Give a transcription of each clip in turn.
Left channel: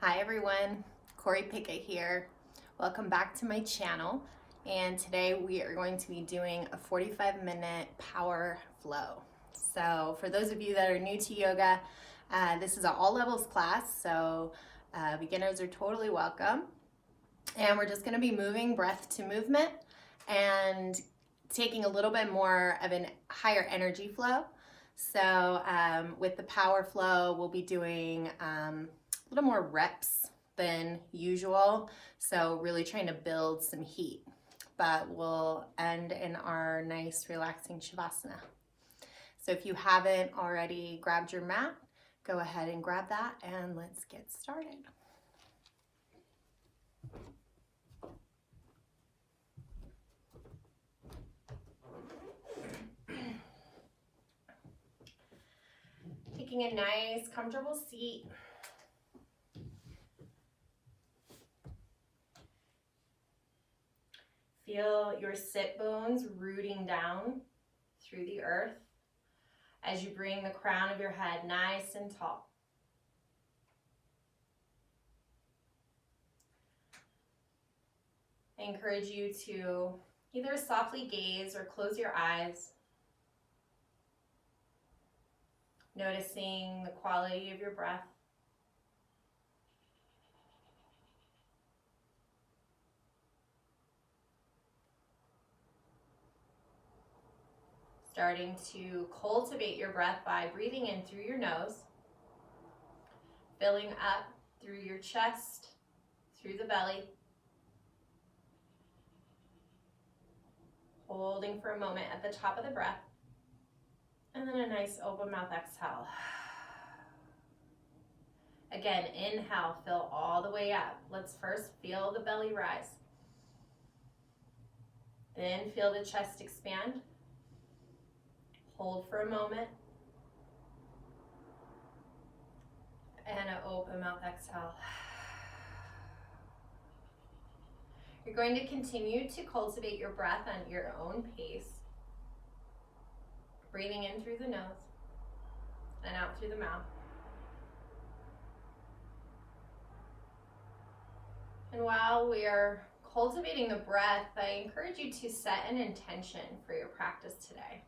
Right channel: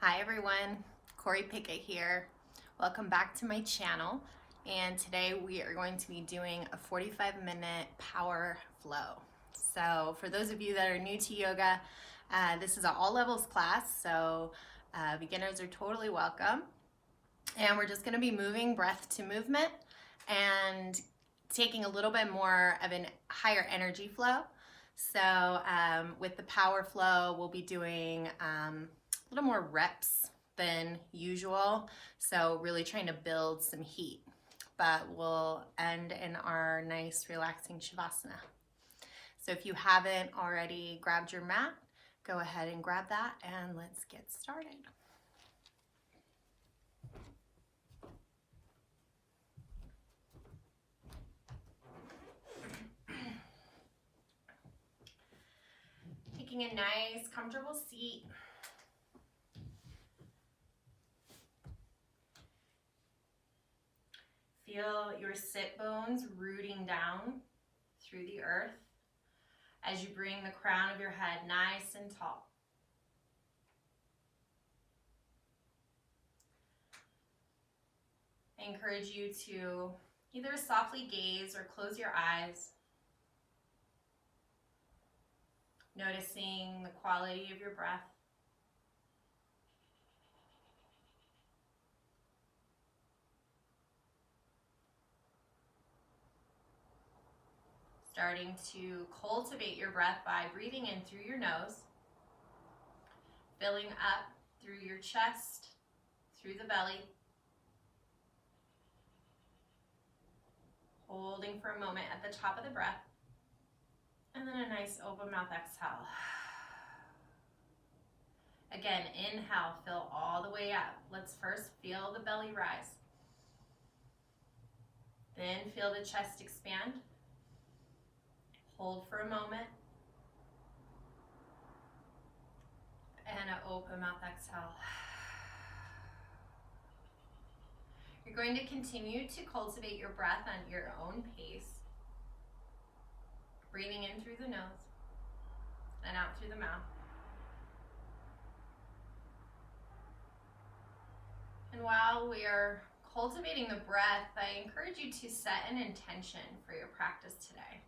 Hi everyone, Corey Pickett here. Welcome back to my channel. And today we are going to be doing a 45-minute power flow. So for those of you that are new to yoga, this is an all levels class, so beginners are totally welcome. And we're just gonna be moving breath to movement and taking a little bit more of a higher energy flow. So with the power flow, we'll be doing a little more reps than usual. So really trying to build some heat, but we'll end in our nice relaxing Shavasana. So if you haven't already grabbed your mat, go ahead and grab that and let's get started. Taking a nice, comfortable seat. Feel your sit bones rooting down through the earth as you bring the crown of your head nice and tall. I encourage you to either softly gaze or close your eyes, noticing the quality of your breath. Starting to cultivate your breath by breathing in through your nose, filling up through your chest, through the belly, holding for a moment at the top of the breath, and then a nice open mouth exhale. Again, inhale, fill all the way up. Let's first feel the belly rise. Then feel the chest expand. Hold for a moment. And an open mouth exhale. You're going to continue to cultivate your breath on your own pace. Breathing in through the nose and out through the mouth. And while we are cultivating the breath, I encourage you to set an intention for your practice today.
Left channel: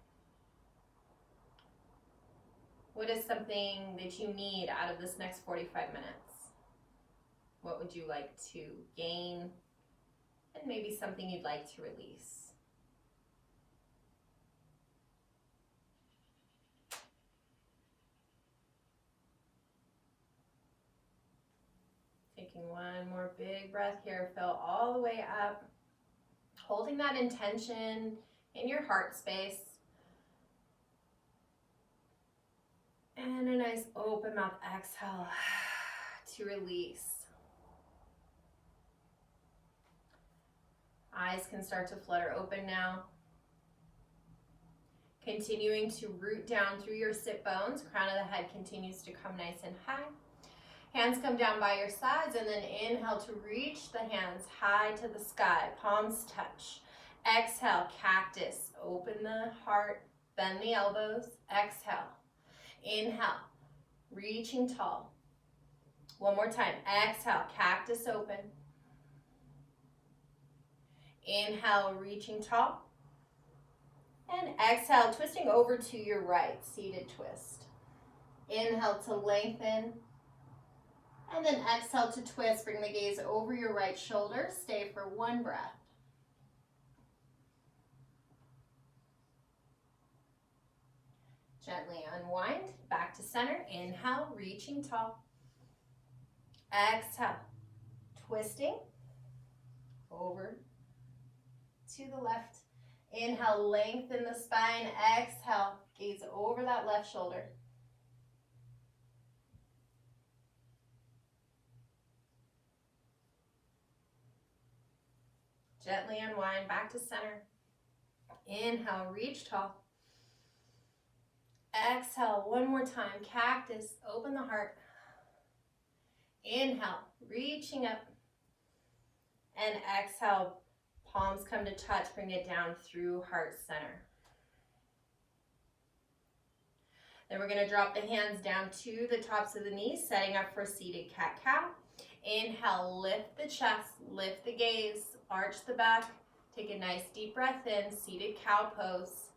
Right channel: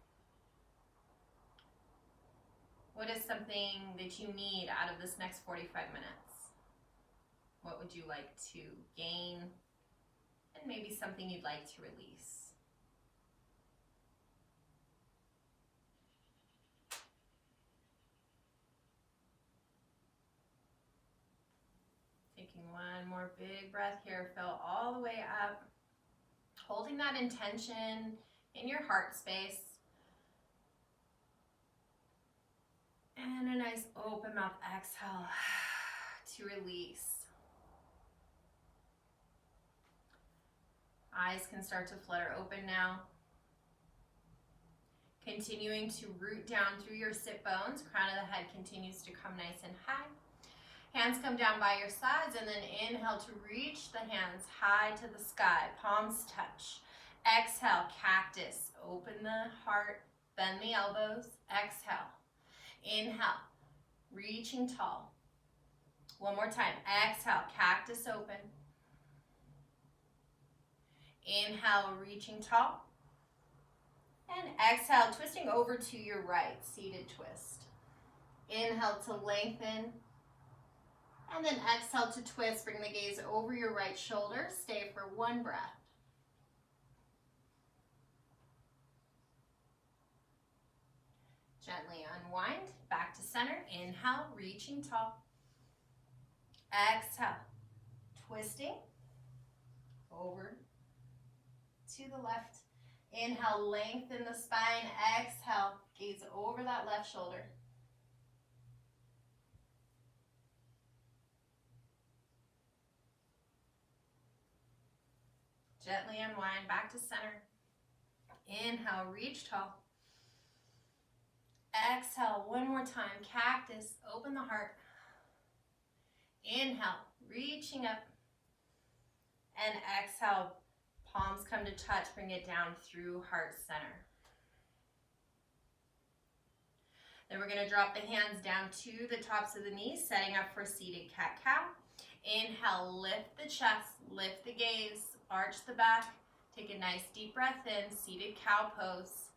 What is something that you need out of this next 45 minutes? What would you like to gain? And maybe something you'd like to release. Taking one more big breath here, fill all the way up. Holding that intention in your heart space. And a nice open mouth exhale to release. Eyes can start to flutter open now. Continuing to root down through your sit bones. Crown of the head continues to come nice and high. Hands come down by your sides, and then inhale to reach the hands high to the sky. Palms touch. Exhale, cactus. Open the heart, bend the elbows. Exhale. Inhale, reaching tall. One more time. Exhale, cactus open. Inhale, reaching tall. And exhale, twisting over to your right, seated twist. Inhale to lengthen. And then exhale to twist. Bring the gaze over your right shoulder. Stay for one breath. Gently unwind, back to center. Inhale, reaching tall. Exhale, twisting over to the left. Inhale, lengthen the spine. Exhale, gaze over that left shoulder. Gently unwind, back to center. Inhale, reach tall. Exhale, one more time, cactus, open the heart. Inhale, reaching up. And exhale, palms come to touch, bring it down through heart center. Then we're gonna drop the hands down to the tops of the knees, setting up for seated cat-cow. Inhale, lift the chest, lift the gaze, arch the back. Take a nice deep breath in, seated cow pose.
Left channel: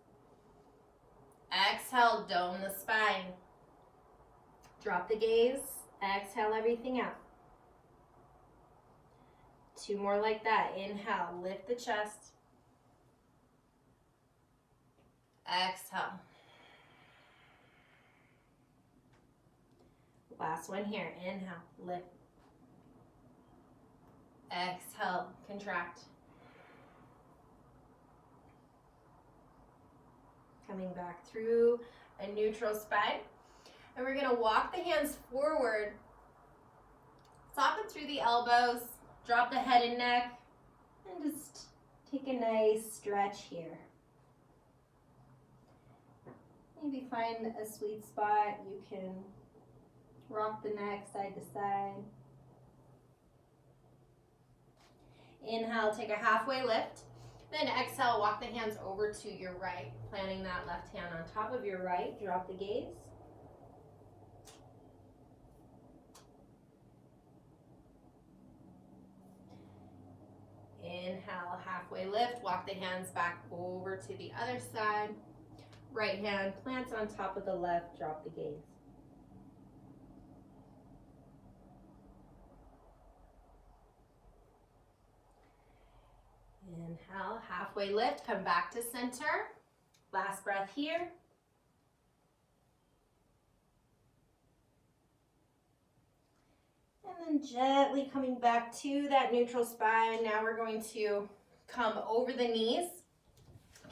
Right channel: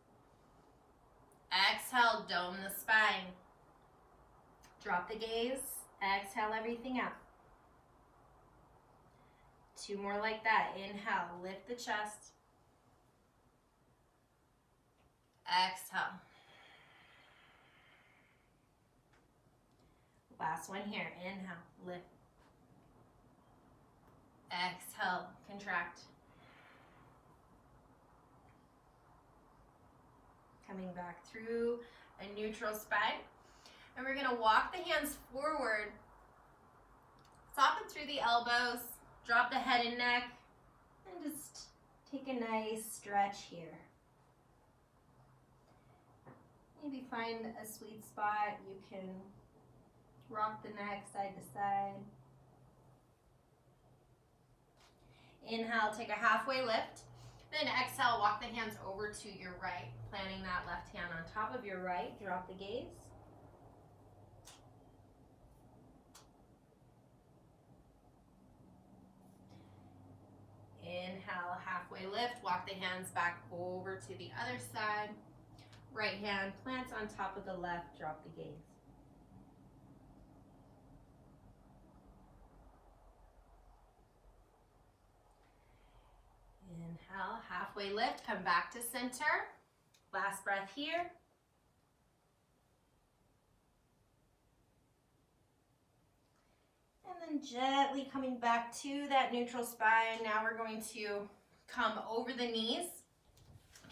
Exhale, dome the spine. Drop the gaze, exhale everything out. 2 more like that. Inhale, lift the chest. Exhale. Last one here. Inhale, lift. Exhale, contract. Coming back through a neutral spine. And we're gonna walk the hands forward. Soften through the elbows. Drop the head and neck. And just take a nice stretch here. Maybe find a sweet spot. You can rock the neck side to side. Inhale, take a halfway lift. Then exhale, walk the hands over to your right, planting that left hand on top of your right. Drop the gaze. Inhale, halfway lift. Walk the hands back over to the other side. Right hand plants on top of the left. Drop the gaze. Inhale, halfway lift, come back to center. Last breath here. And then gently coming back to that neutral spine. Now we're going to come over the knees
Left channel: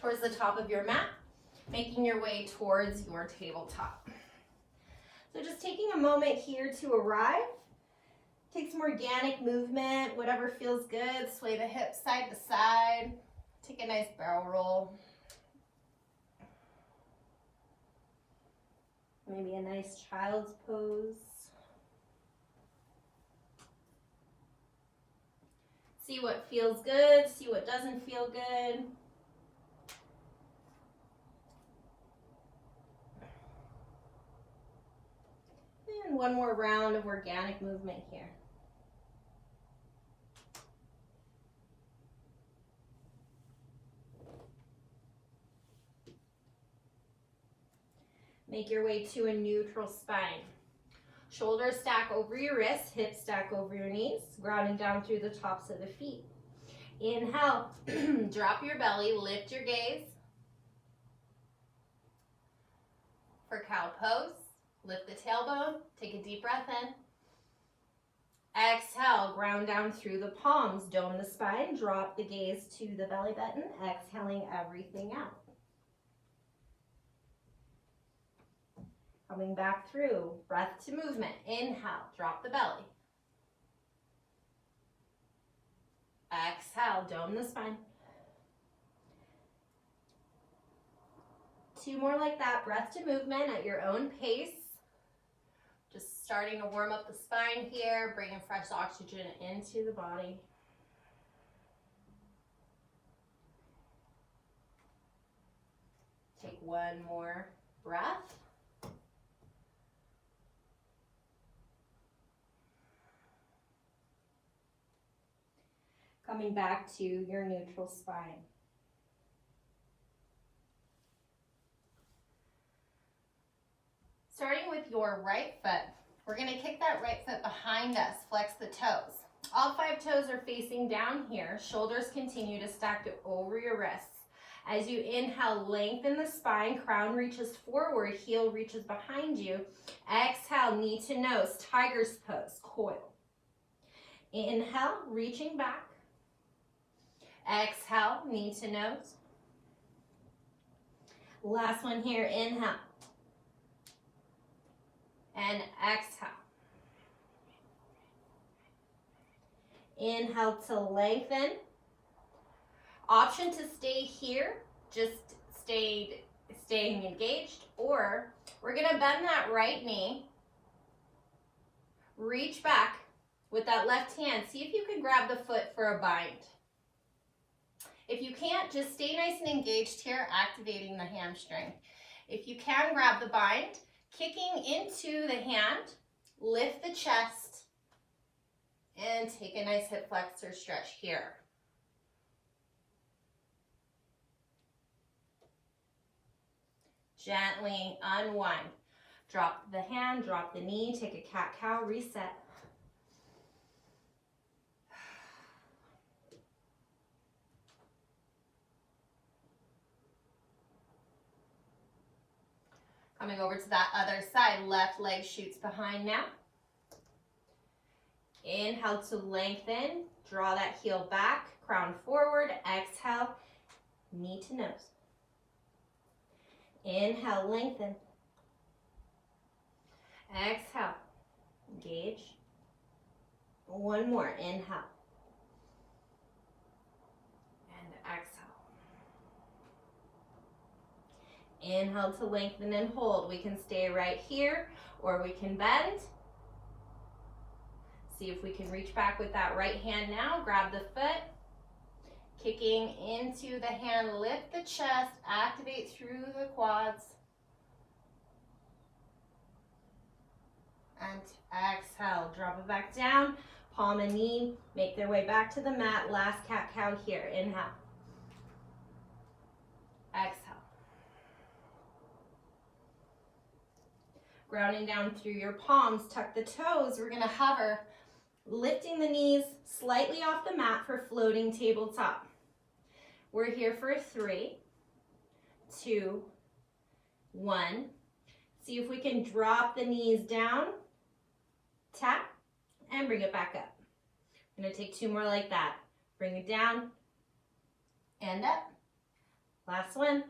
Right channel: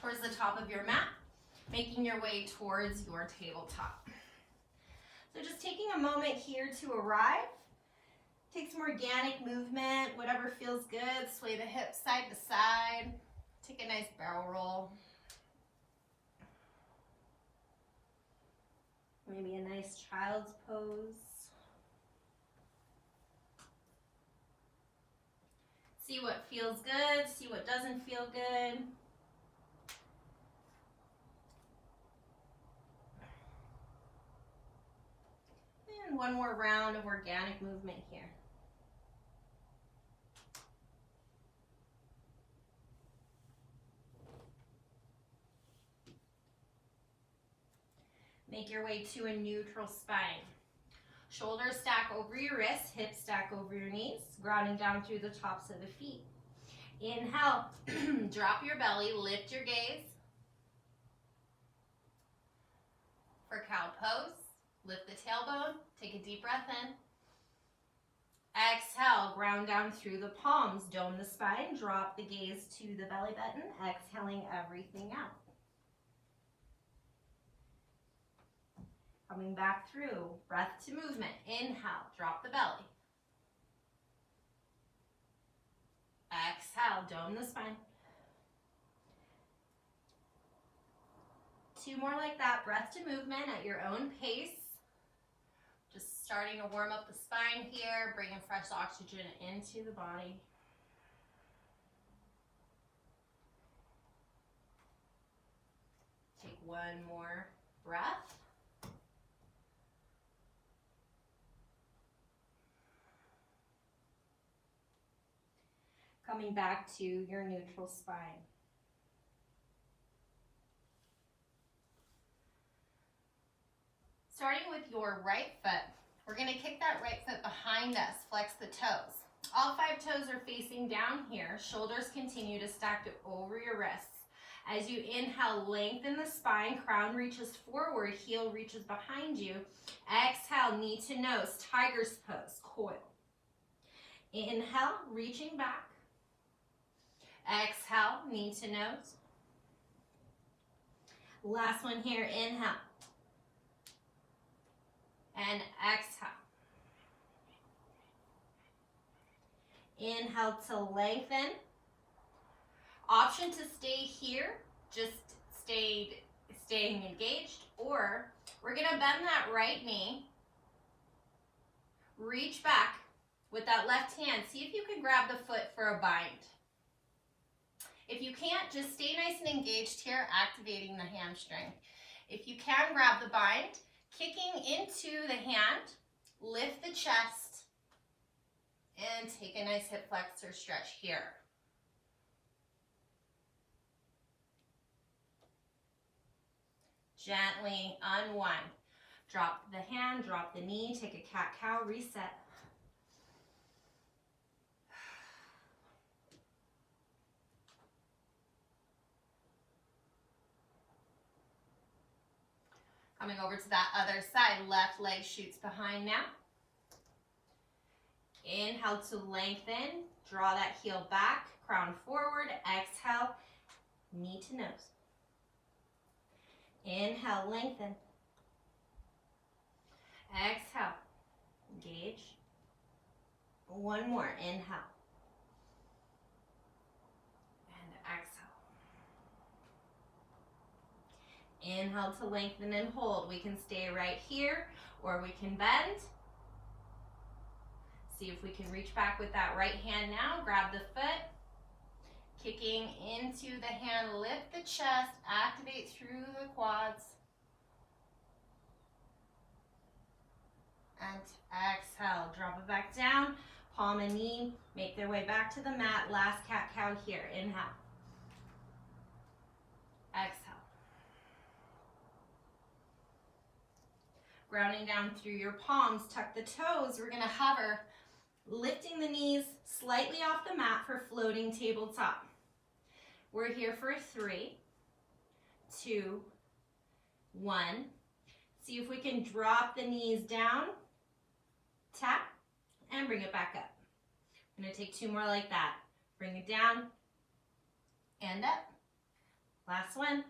towards the top of your mat, making your way towards your tabletop. So just taking a moment here to arrive. Take some organic movement, whatever feels good. Sway the hips side to side. Take a nice barrel roll. Maybe a nice child's pose. See what feels good, see what doesn't feel good. And one more round of organic movement here. Make your way to a neutral spine. Shoulders stack over your wrists, hips stack over your knees, grounding down through the tops of the feet. Inhale, drop your belly, lift your gaze. For cow pose, lift the tailbone, take a deep breath in. Exhale, ground down through the palms, dome the spine, drop the gaze to the belly button, exhaling everything out. Coming back through, breath to movement. Inhale, drop the belly. Exhale, dome the spine. 2 more like that, breath to movement at your own pace. Just starting to warm up the spine here, bringing fresh oxygen into the body. Take 1 more breath. Coming back to your neutral spine. Starting with your right foot, we're going to kick that right foot behind us, flex the toes. All 5 toes are facing down here. Shoulders continue to stack over your wrists. As you inhale, lengthen the spine, crown reaches forward, heel reaches behind you. Exhale, knee to nose, tiger's pose, coil. Inhale, reaching back. Exhale, knee to nose. Last one here, inhale. And exhale. Inhale to lengthen. Option to stay here, just staying engaged, or we're gonna bend that right knee, reach back with that left hand. See if you can grab the foot for a bind. If you can't, just stay nice and engaged here, activating the hamstring. If you can, grab the bind, kicking into the hand, lift the chest, And take a nice hip flexor stretch here. Gently unwind. Drop the hand, drop the knee, take a cat-cow, reset. Coming over to that other side, left leg shoots behind now. Inhale to lengthen, draw that heel back, crown forward, exhale, knee to nose. Inhale, lengthen. Exhale, engage. One more, inhale. And exhale. Inhale to lengthen and hold. We can stay right here or we can bend. See if we can reach back with that right hand now. Grab the foot. Kicking into the hand, lift the chest, activate through the quads. And exhale, drop it back down. Palm and knee make their way back to the mat. Last cat-cow here. Inhale. Exhale. Grounding down through your palms, tuck the toes. We're gonna hover, lifting the knees slightly off the mat for floating tabletop. We're here for 3, 2, 1. See if we can drop the knees down, tap, and bring it back up. I'm gonna take 2 more like that. Bring it down and up. Last one.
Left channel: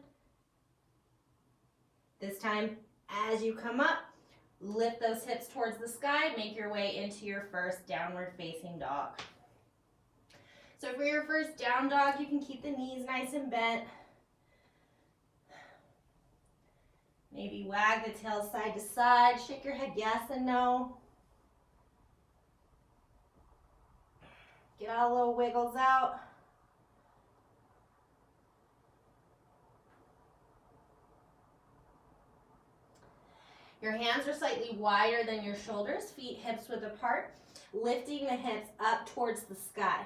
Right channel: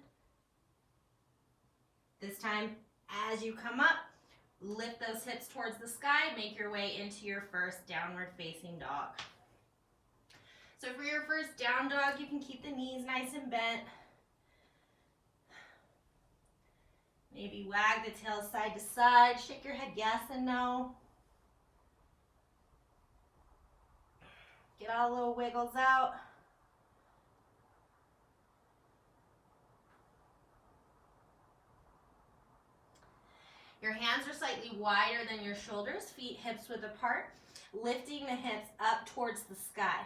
This time, as you come up, lift those hips towards the sky, make your way into your first downward facing dog. So for your first down dog, you can keep the knees nice and bent. Maybe wag the tail side to side, shake your head yes and no. Get all little wiggles out. Your hands are slightly wider than your shoulders, feet hips width apart, lifting the hips up towards the sky.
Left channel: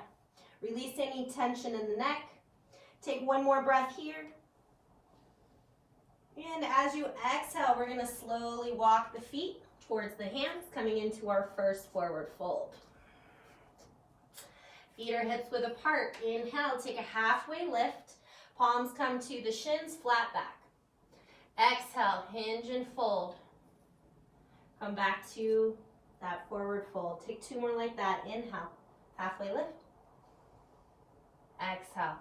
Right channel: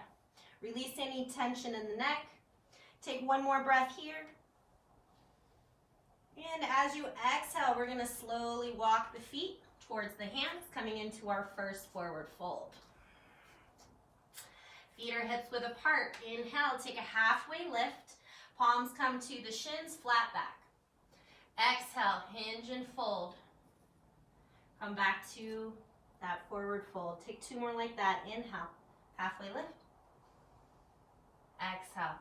Release any tension in the neck. Take 1 more breath here. And as you exhale, we're gonna slowly walk the feet towards the hands, coming into our first forward fold. Feet are hips width apart. Inhale, take a halfway lift. Palms come to the shins, flat back. Exhale, hinge and fold. Come back to that forward fold. Take 2 more like that. Inhale, halfway lift. Exhale.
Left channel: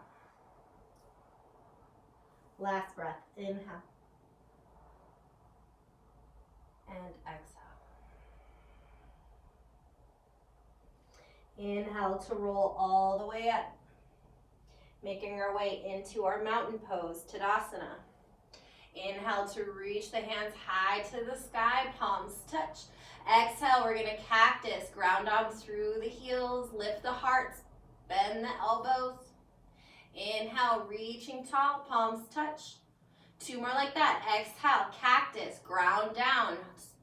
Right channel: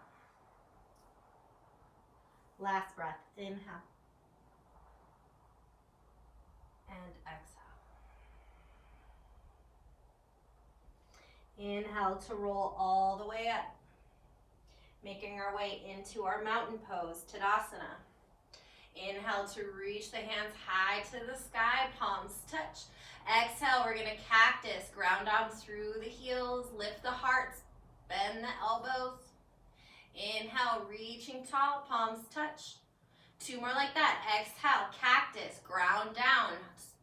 Last breath. Inhale. And exhale. Inhale to roll all the way up. Making our way into our mountain pose, Tadasana. Inhale to reach the hands high to the sky, palms touch. Exhale, we're gonna cactus, ground down through the heels, lift the hearts, bend the elbows. Inhale, reaching tall, palms touch. 2 more like that. Exhale, cactus, ground down,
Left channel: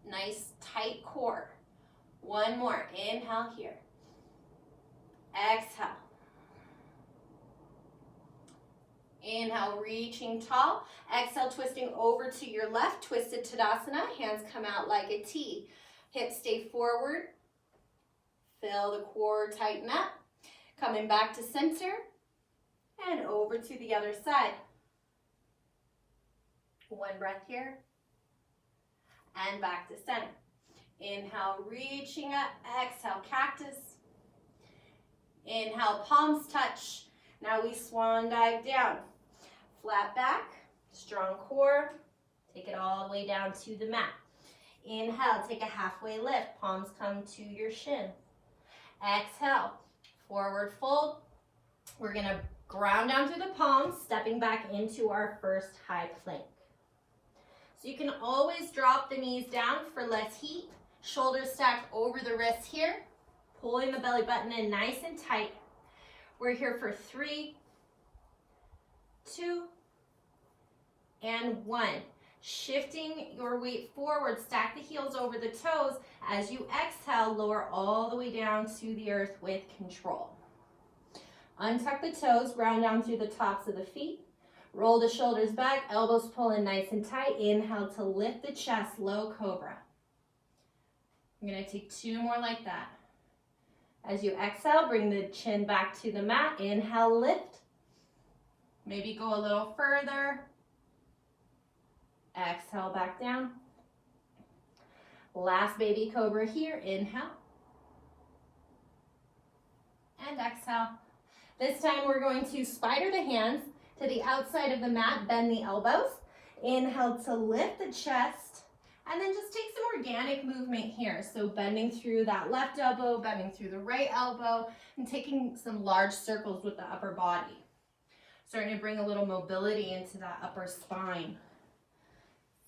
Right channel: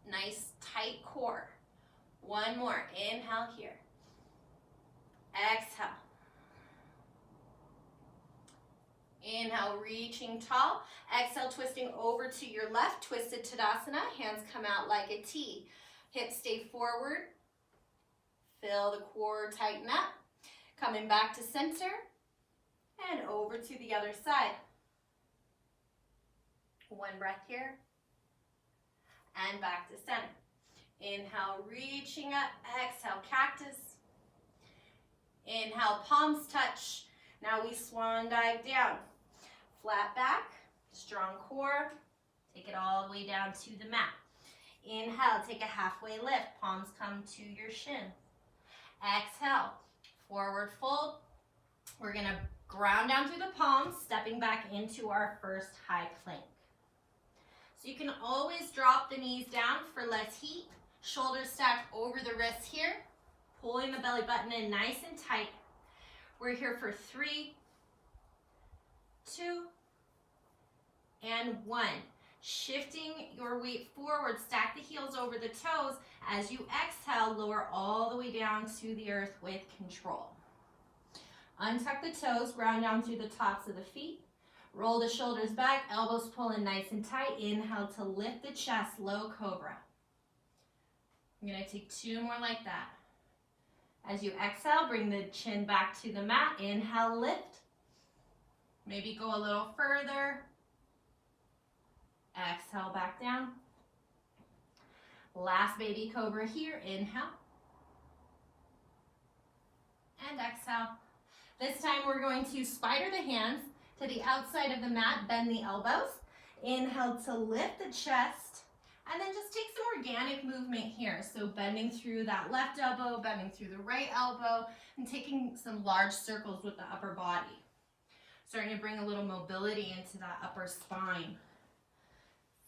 nice tight core. 1 more, inhale here. Exhale. Inhale, reaching tall. Exhale, twisting over to your left, twisted Tadasana. Hands come out like a T. Hips stay forward. Feel the core tighten up. Coming back to center and over to the other side. 1 breath here and back to center. Inhale, reaching up. Exhale, cactus. Inhale, palms touch. Now we swan dive down. Flat back, strong core. Take it all the way down to the mat. Inhale, take a halfway lift. Palms come to your shins. Exhale, forward fold. We're gonna ground down through the palms, stepping back into our first high plank. So you can always drop the knees down for less heat. Shoulders stacked over the wrists here. Pulling the belly button in nice and tight. We're here for 3, 2, and 1. Shifting your weight forward, stack the heels over the toes. As you exhale, lower all the way down to the earth with control. Untuck the toes, ground down through the tops of the feet. Roll the shoulders back, elbows pull in nice and tight. Inhale to lift the chest, low cobra. I'm going to take 2 more like that. As you exhale, bring the chin back to the mat. Inhale, lift. Maybe go a little further. Exhale, back down. Last baby cobra here. Inhale. And exhale. This time we're going to spider the hands to the outside of the mat, bend the elbows. Inhale to lift the chest, and then just take some organic movement here. So bending through that left elbow, bending through the right elbow, and taking some large circles with the upper body. Starting to bring a little mobility into that upper spine.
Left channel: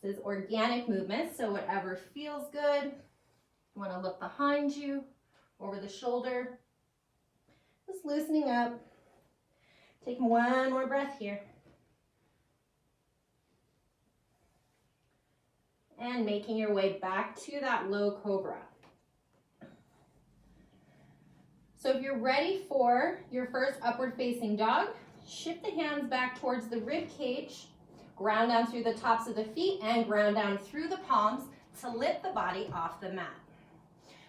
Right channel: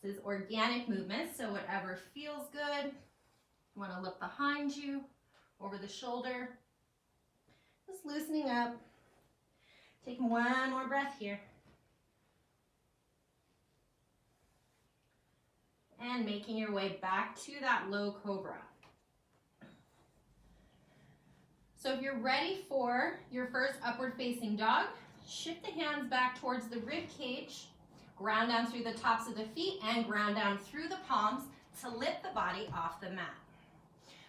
This is organic movement, so whatever feels good. You want to look behind you, over the shoulder. Just loosening up. Take one more breath here. And making your way back to that low cobra. So if you're ready for your first upward facing dog, shift the hands back towards the rib cage, ground down through the tops of the feet and ground down through the palms to lift the body off the mat.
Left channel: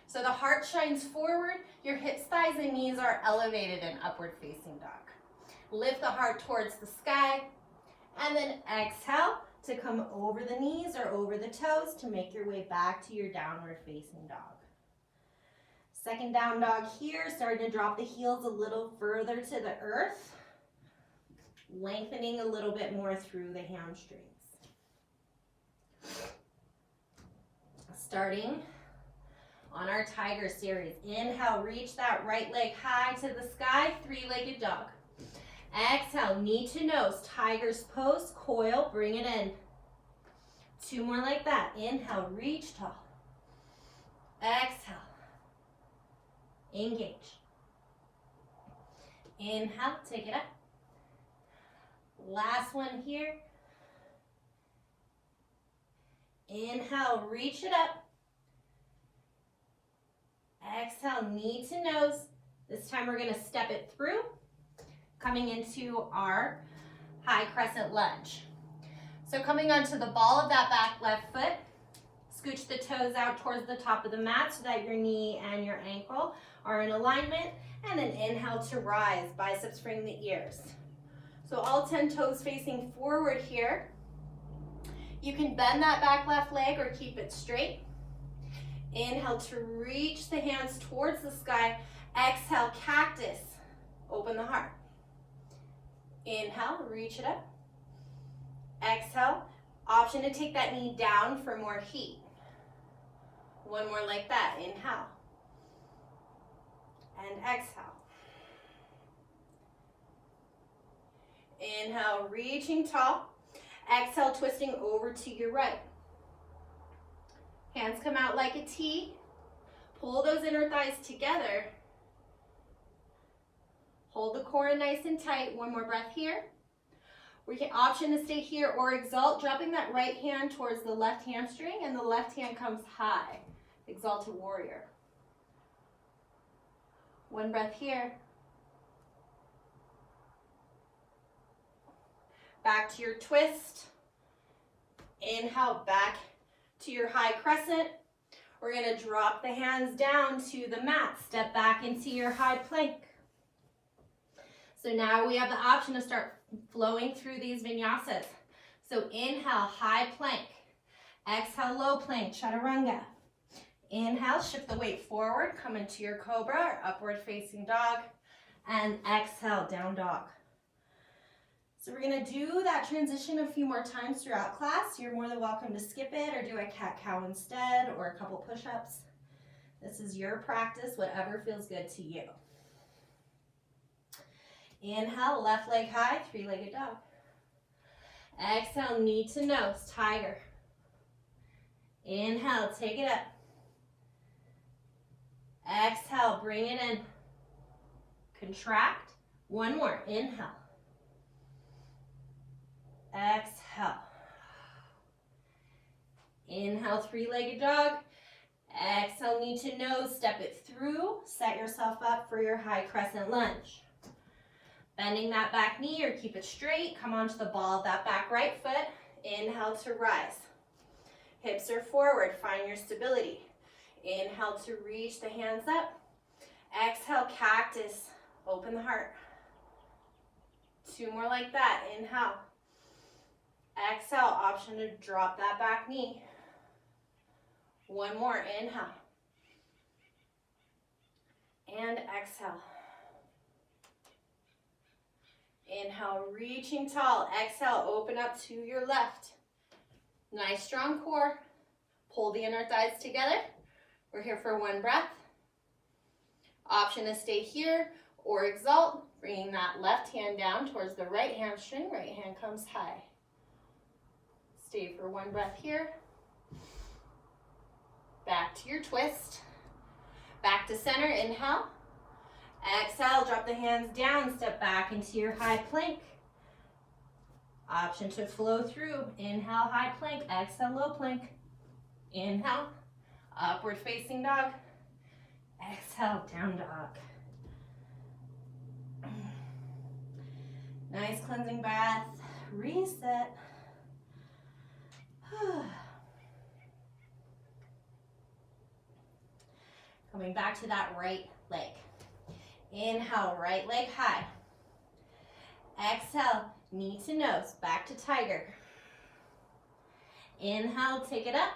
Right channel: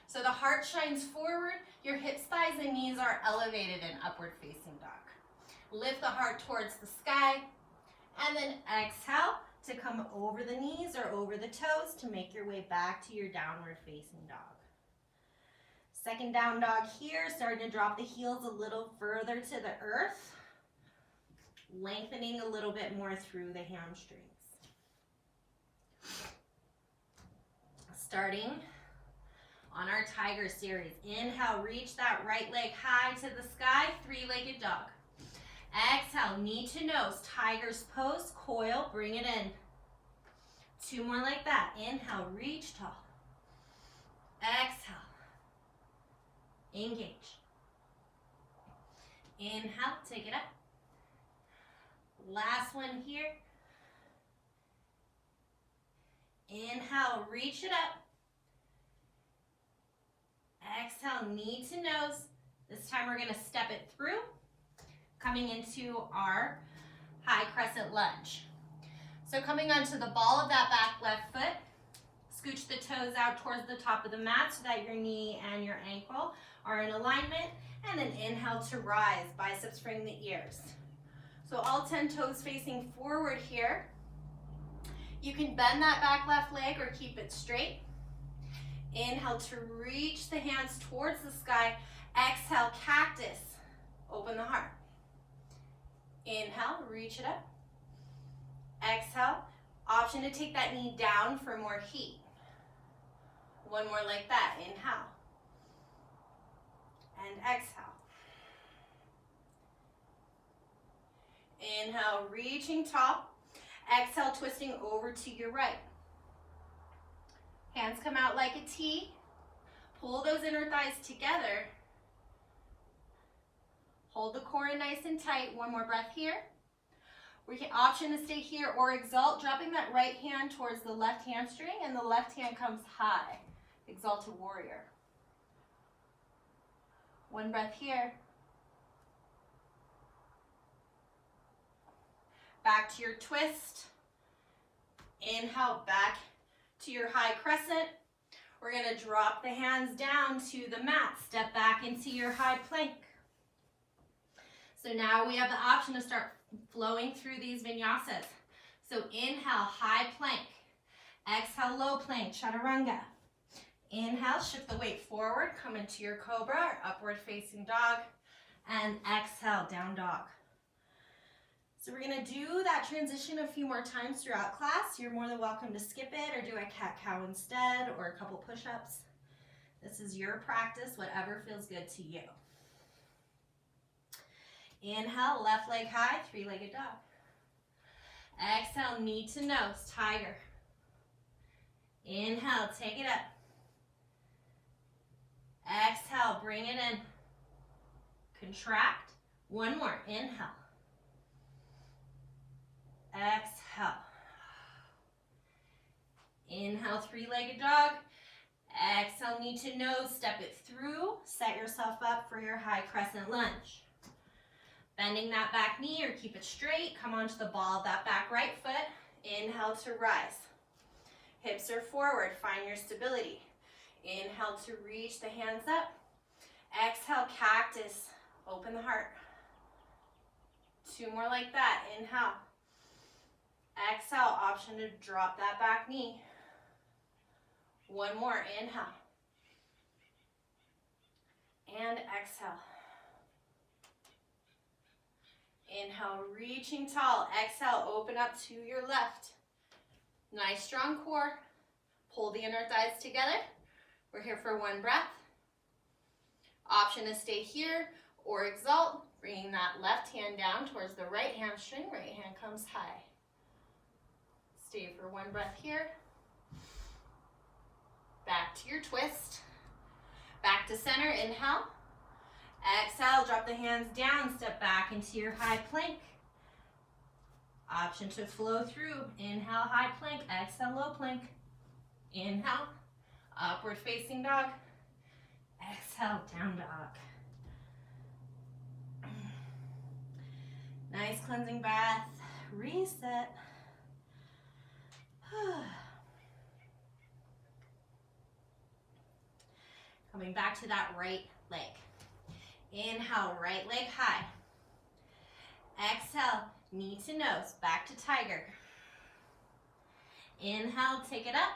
So the heart shines forward, your hips, thighs, and knees are elevated in upward facing dog. Lift the heart towards the sky, and then exhale to come over the knees or over the toes to make your way back to your downward facing dog. Second down dog here, starting to drop the heels a little further to the earth, lengthening a little bit more through the hamstrings. Starting on our tiger series. Inhale, reach that right leg high to the sky, 3-legged dog. Exhale, knee to nose, tiger's pose, coil, bring it in. 2 more like that. Inhale, reach tall. Exhale, engage. Inhale, take it up. Last one here. Inhale, reach it up. Exhale, knee to nose. This time we're going to step it through, coming into our high crescent lunge. So coming onto the ball of that back left foot, scooch the toes out towards the top of the mat so that your knee and your ankle are in alignment, and then inhale to rise, biceps frame the ears. So all 10 toes facing forward here. You can bend that back left leg or keep it straight. Inhale to reach the hands towards the sky. Exhale, cactus. Open the heart. Inhale, reach it up. Exhale, option to take that knee down for more heat. One more like that. Inhale. And exhale. Inhale, reaching tall. Exhale, twisting over to your right. Hands come out like a T. Pull those inner thighs together. Hold the core in nice and tight. One more breath here. We can option to stay here or exalt, dropping that right hand towards the left hamstring, and the left hand comes high. Exalted warrior. One breath here. Back to your twist. Inhale, back to your high crescent. We're going to drop the hands down to the mat. Step back into your high plank. So now we have the option to start flowing through these vinyasas. So inhale, high plank. Exhale, low plank, chaturanga. Inhale, shift the weight forward, come into your cobra, or upward facing dog. And exhale, down dog. So we're going to do that transition a few more times throughout class. You're more than welcome to skip it or do a cat-cow instead, or a couple push-ups. This is your practice, whatever feels good to you. Inhale, left leg high, 3-legged dog. Exhale, knee to nose, tiger. Inhale, take it up. Exhale, bring it in. Contract. One more, inhale. Exhale. Inhale, three-legged dog. Exhale, knee to nose, step it through. Set yourself up for your high crescent lunge. Bending that back knee or keep it straight. Come onto the ball of that back right foot. Inhale to rise. Hips are forward, find your stability. Inhale to reach the hands up. Exhale, cactus, open the heart. Two more like that, inhale. Exhale, option to drop that back knee. One more, inhale. And exhale. Inhale, reaching tall. Exhale, open up to your left. Nice strong core. Pull the inner thighs together. We're here for one breath. Option to stay here or exalt, bringing that left hand down towards the right hamstring. Right hand comes high. Stay for one breath here. Back to your twist. Back to center, inhale. Exhale, drop the hands down, step back into your high plank. Option to flow through. Inhale, high plank. Exhale, low plank. Inhale, upward facing dog. Exhale, down dog. Nice cleansing breath. Reset. Coming back to that right leg. Inhale, right leg high. Exhale, knee to nose, back to tiger. Inhale, take it up.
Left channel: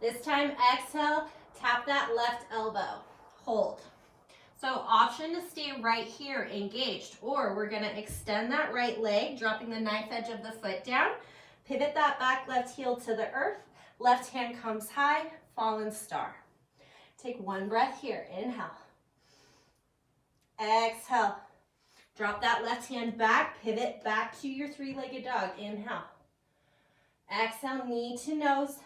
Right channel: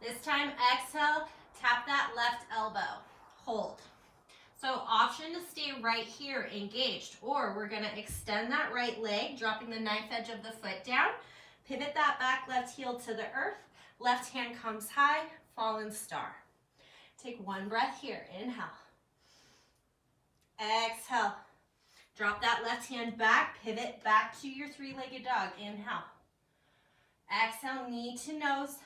This time, exhale, tap that left elbow. Hold. So option to stay right here, engaged, or we're gonna extend that right leg, dropping the knife edge of the foot down. Pivot that back left heel to the earth. Left hand comes high, fallen star. Take one breath here, inhale. Exhale. Drop that left hand back, pivot back to your three-legged dog. Inhale. Exhale, knee to nose.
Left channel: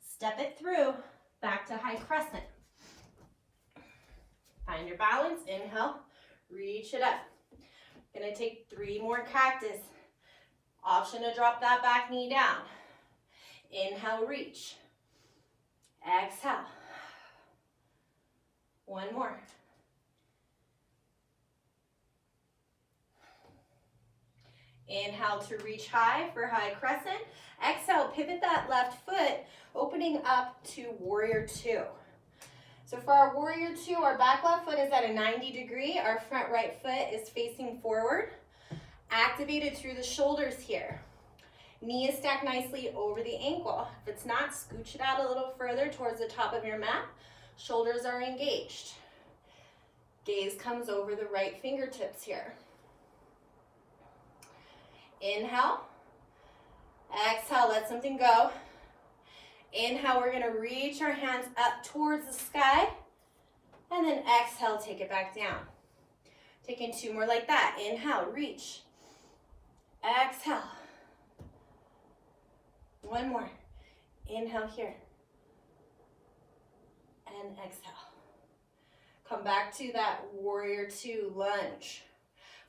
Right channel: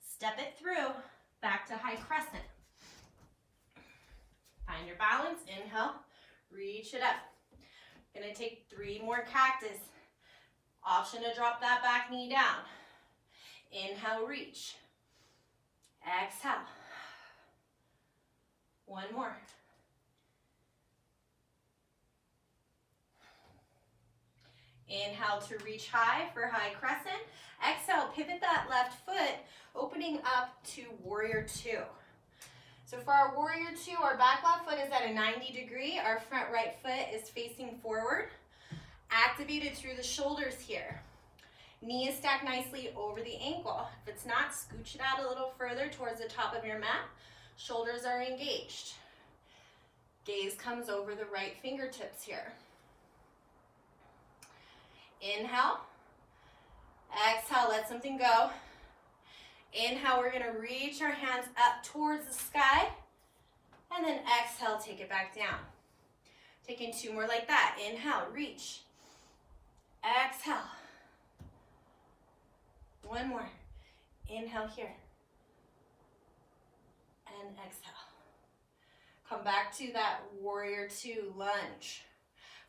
Step it through, back to high crescent. Find your balance, inhale, reach it up. Gonna take 3 more cactus. Option to drop that back knee down. Inhale, reach. Exhale. One more. Inhale to reach high for high crescent. Exhale, pivot that left foot, opening up to warrior 2. So for our warrior 2, our back left foot is at a 90 degree. Our front right foot is facing forward. Activated through the shoulders here. Knee is stacked nicely over the ankle. If it's not, scooch it out a little further towards the top of your mat. Shoulders are engaged. Gaze comes over the right fingertips here. Inhale. Exhale, let something go. Inhale, we're gonna reach our hands up towards the sky. And then exhale, take it back down. Taking 2 more like that. Inhale, reach. Exhale. One more. Inhale here. And exhale. Come back to that warrior 2 lunge.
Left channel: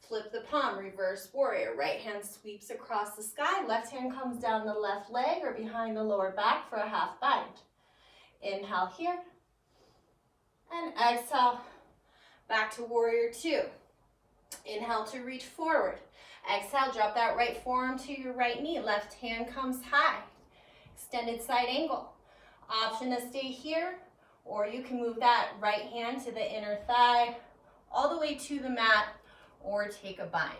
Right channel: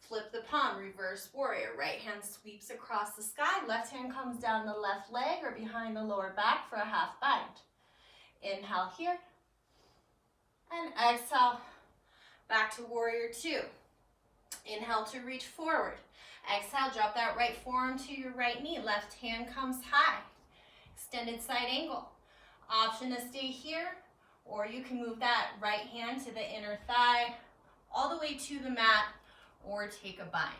Flip the palm, reverse warrior. Right hand sweeps across the sky. Left hand comes down the left leg or behind the lower back for a half bind. Inhale here. And exhale, back to warrior 2. Inhale to reach forward. Exhale, drop that right forearm to your right knee. Left hand comes high. Extended side angle. Option to stay here, or you can move that right hand to the inner thigh, all the way to the mat, or take a bind.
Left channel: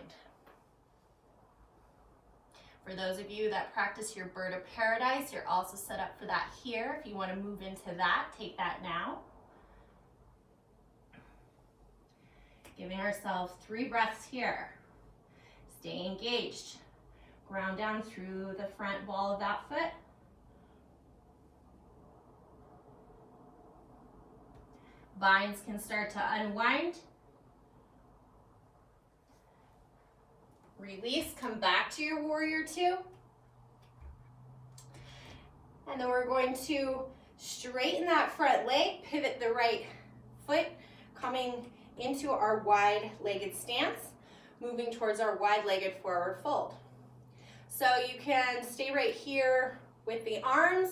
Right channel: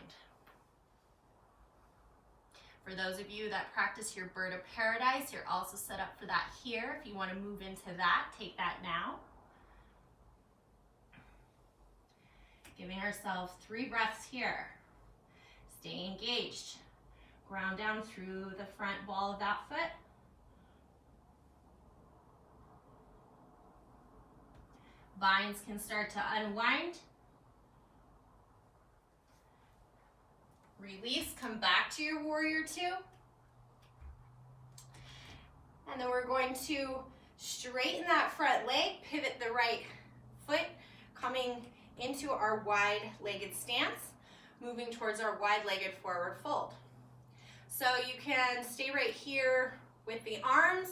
For those of you that practice your bird of paradise, you're also set up for that here. If you want to move into that, take that now. Giving ourselves 3 breaths here. Stay engaged. Ground down through the front ball of that foot. Binds can start to unwind. Release, come back to your warrior 2. And then we're going to straighten that front leg, pivot the right foot, coming into our wide-legged stance, moving towards our wide-legged forward fold. So you can stay right here with the arms,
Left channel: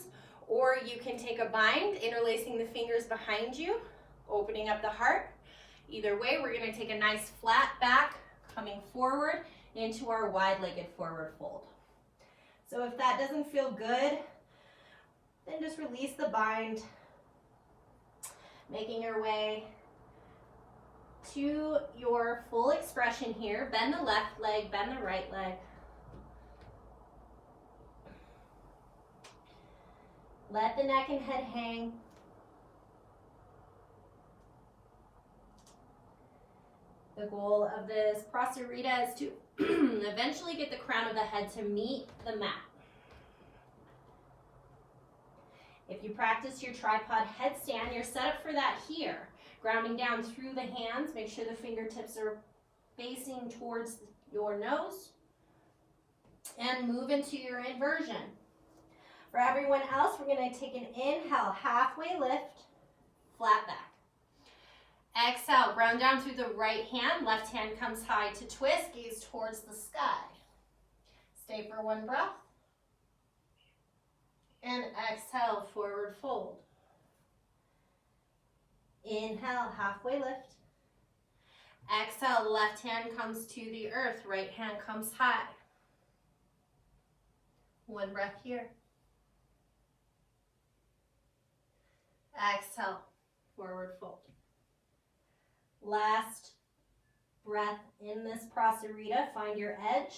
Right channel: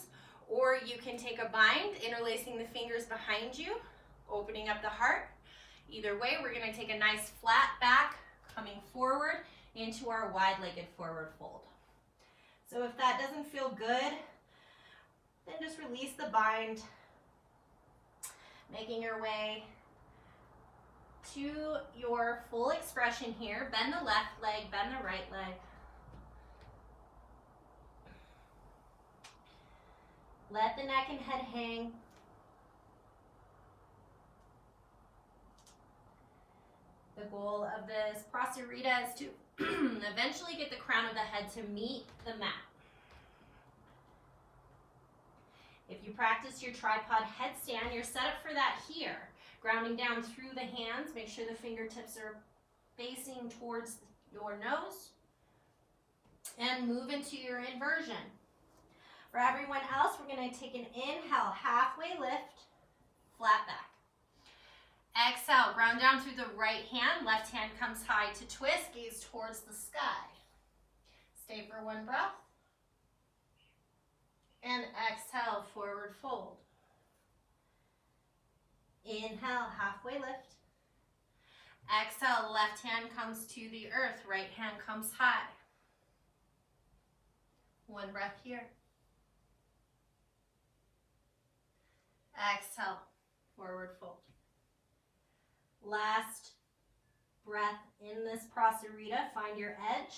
or you can take a bind, interlacing the fingers behind you, opening up the heart. Either way, we're gonna take a nice flat back, coming forward into our wide-legged forward fold. So if that doesn't feel good, then just release the bind, making your way to your full expression here. Bend the left leg, bend the right leg. Let the neck and head hang. The goal of this Prasarita is to eventually get the crown of the head to meet the mat. If you practice your tripod headstand, you're set up for that here. Grounding down through the hands, make sure the fingertips are facing towards your nose. And move into your inversion. For everyone else, we're going to take an inhale, halfway lift, flat back. Exhale, ground down through the right hand, left hand comes high to twist, gaze towards the sky. Stay for one breath. And exhale, forward fold. Inhale, halfway lift. Exhale, left hand comes to the earth, right hand comes high. One breath here. Exhale, forward fold. Last breath in this Prasarita, find your edge.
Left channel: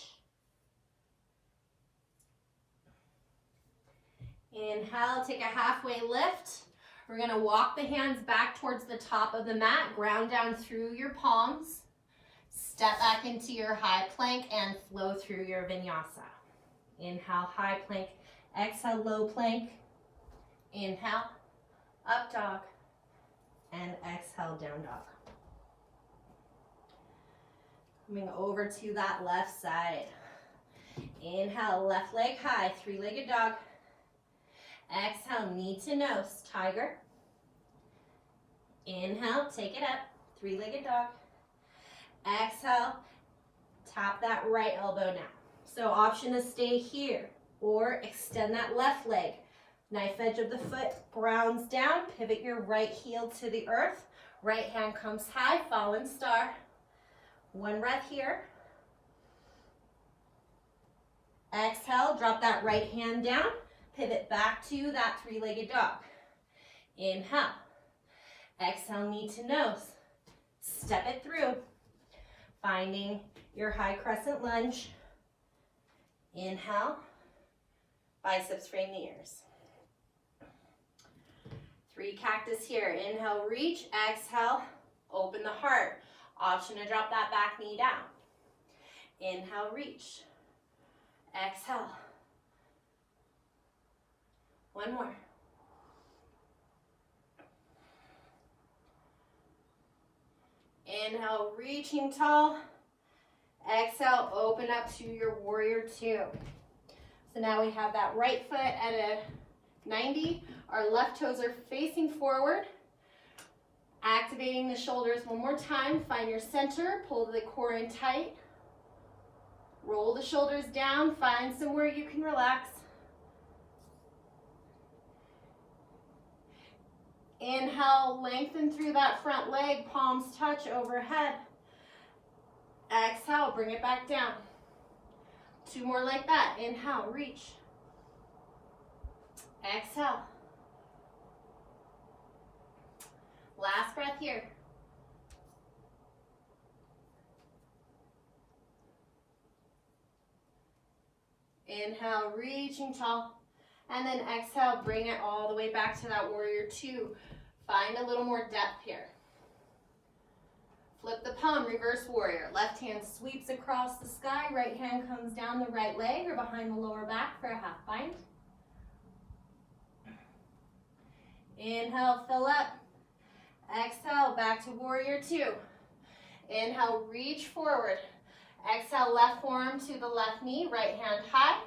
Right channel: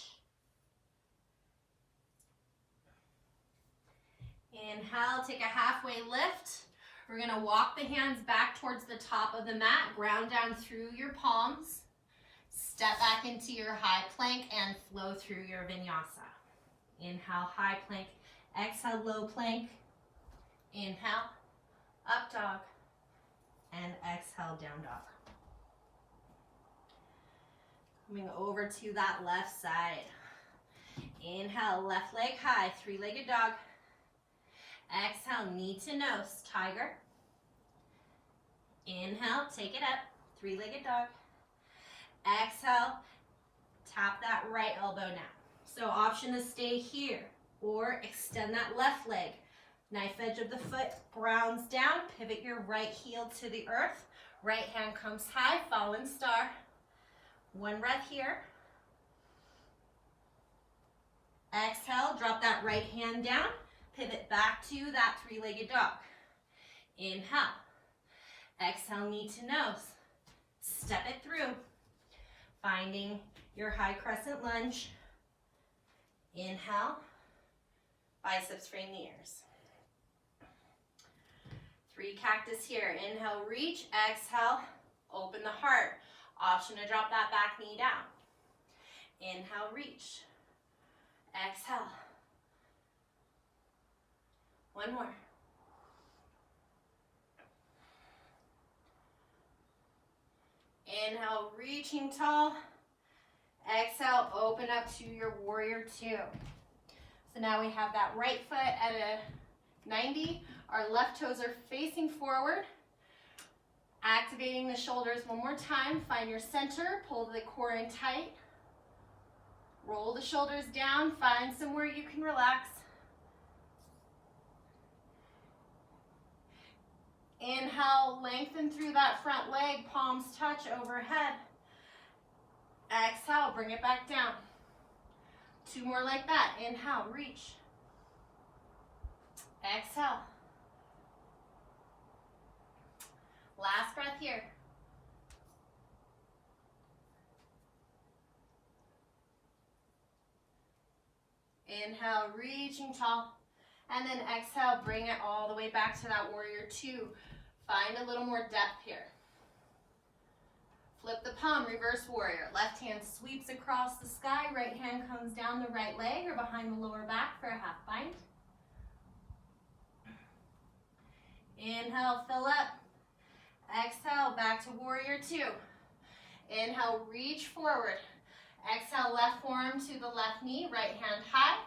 Inhale, take a halfway lift. We're gonna walk the hands back towards the top of the mat, ground down through your palms, step back into your high plank and flow through your vinyasa. Inhale, high plank, exhale, low plank. Inhale, up dog, and exhale, down dog. Coming over to that left side. Inhale, left leg high, three-legged dog. Exhale, knee to nose, tiger. Inhale, take it up, three-legged dog. Exhale, tap that right elbow now. So option to stay here or extend that left leg. Knife edge of the foot grounds down, pivot your right heel to the earth. Right hand comes high, fallen star. One breath here. Exhale, drop that right hand down. Pivot back to that three-legged dog. Inhale. Exhale, knee to nose. Step it through. Finding your high crescent lunge. Inhale. Biceps frame the ears. Three cactus here. Inhale, reach. Exhale, open the heart. Option to drop that back knee down. Inhale, reach. Exhale. One more. Inhale, reaching tall. Exhale, open up to your warrior two. So now we have that right foot at a 90. Our left toes are facing forward. Activating the shoulders one more time. Find your center, pull the core in tight. Roll the shoulders down, find somewhere you can relax. Inhale, lengthen through that front leg, palms touch overhead. Exhale, bring it back down. Two more like that. Inhale, reach. Exhale. Last breath here. Inhale, reaching tall. And then exhale, bring it all the way back to that warrior two. Find a little more depth here. Flip the palm, reverse warrior. Left hand sweeps across the sky. Right hand comes down the right leg or behind the lower back for a half bind. Inhale, fill up. Exhale, back to warrior two. Inhale, reach forward. Exhale, left forearm to the left knee, right hand high.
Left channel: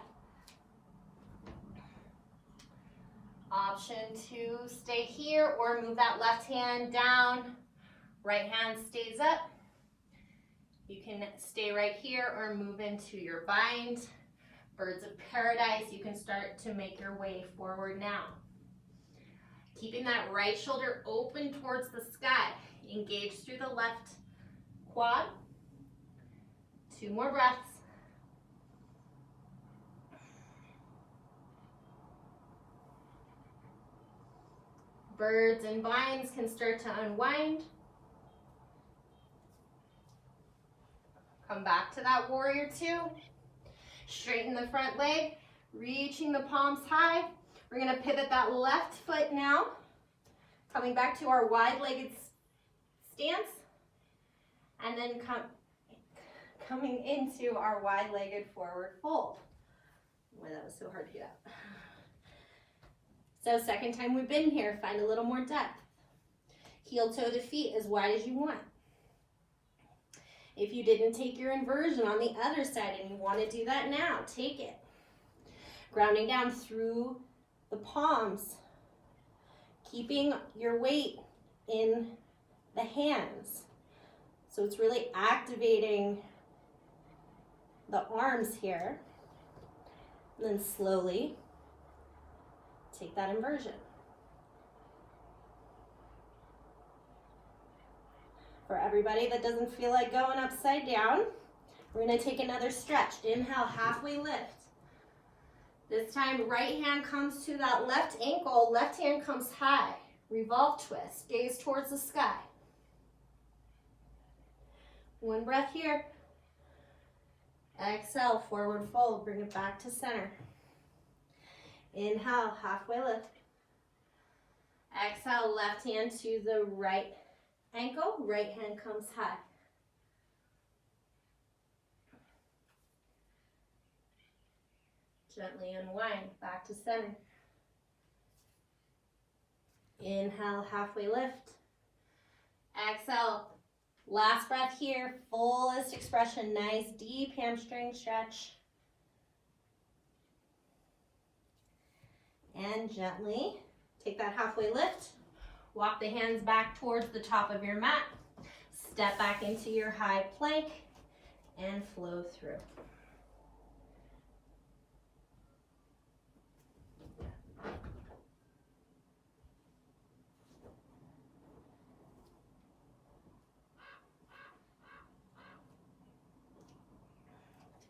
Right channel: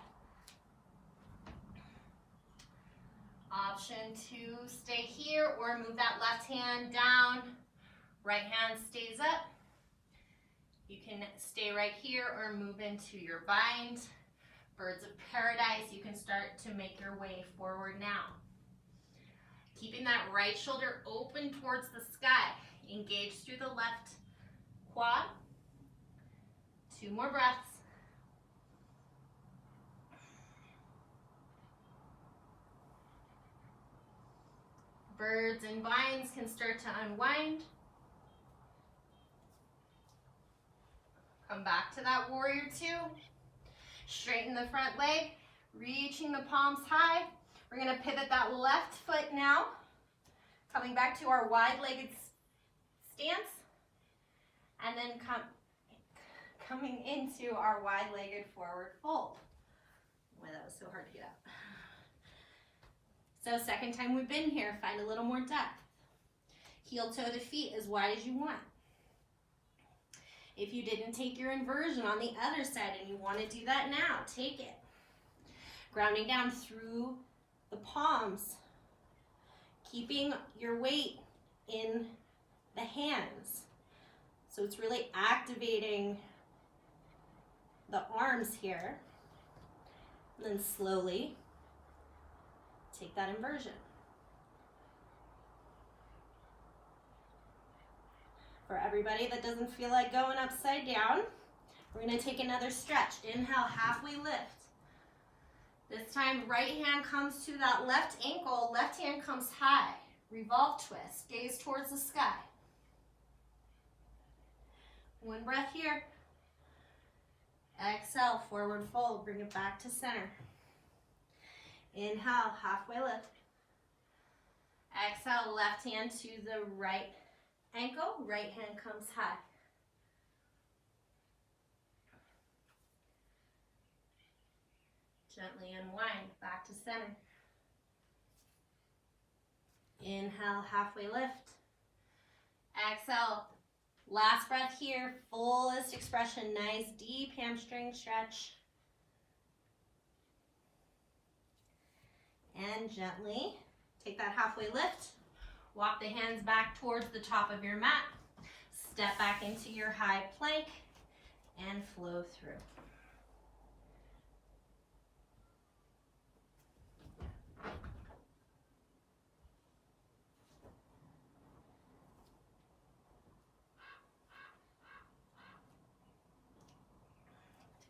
Option to stay here or move that left hand down. Right hand stays up. You can stay right here or move into your bind. Birds of paradise, you can start to make your way forward now. Keeping that right shoulder open towards the sky. Engage through the left quad. 2 more breaths. Birds and vines can start to unwind. Come back to that warrior 2. Straighten the front leg, reaching the palms high. We're gonna pivot that left foot now. Coming back to our wide-legged stance. And then coming into our wide-legged forward fold. Boy, that was so hard to get up. So second time we've been here, find a little more depth. Heel toe the feet as wide as you want. If you didn't take your inversion on the other side and you want to do that now, take it. Grounding down through the palms. Keeping your weight in the hands. So it's really activating the arms here. And then slowly take that inversion. For everybody that doesn't feel like going upside down, we're going to take another stretch. Inhale, halfway lift. This time, right hand comes to that left ankle, left hand comes high. Revolve twist, gaze towards the sky. 1 breath here. Exhale, forward fold, bring it back to center. Inhale, halfway lift. Exhale, left hand to the right ankle, right hand comes high. Gently unwind, back to center. Inhale, halfway lift. Exhale, last breath here, fullest expression, nice deep hamstring stretch. And gently take that halfway lift. Walk the hands back towards the top of your mat. Step back into your high plank and flow through.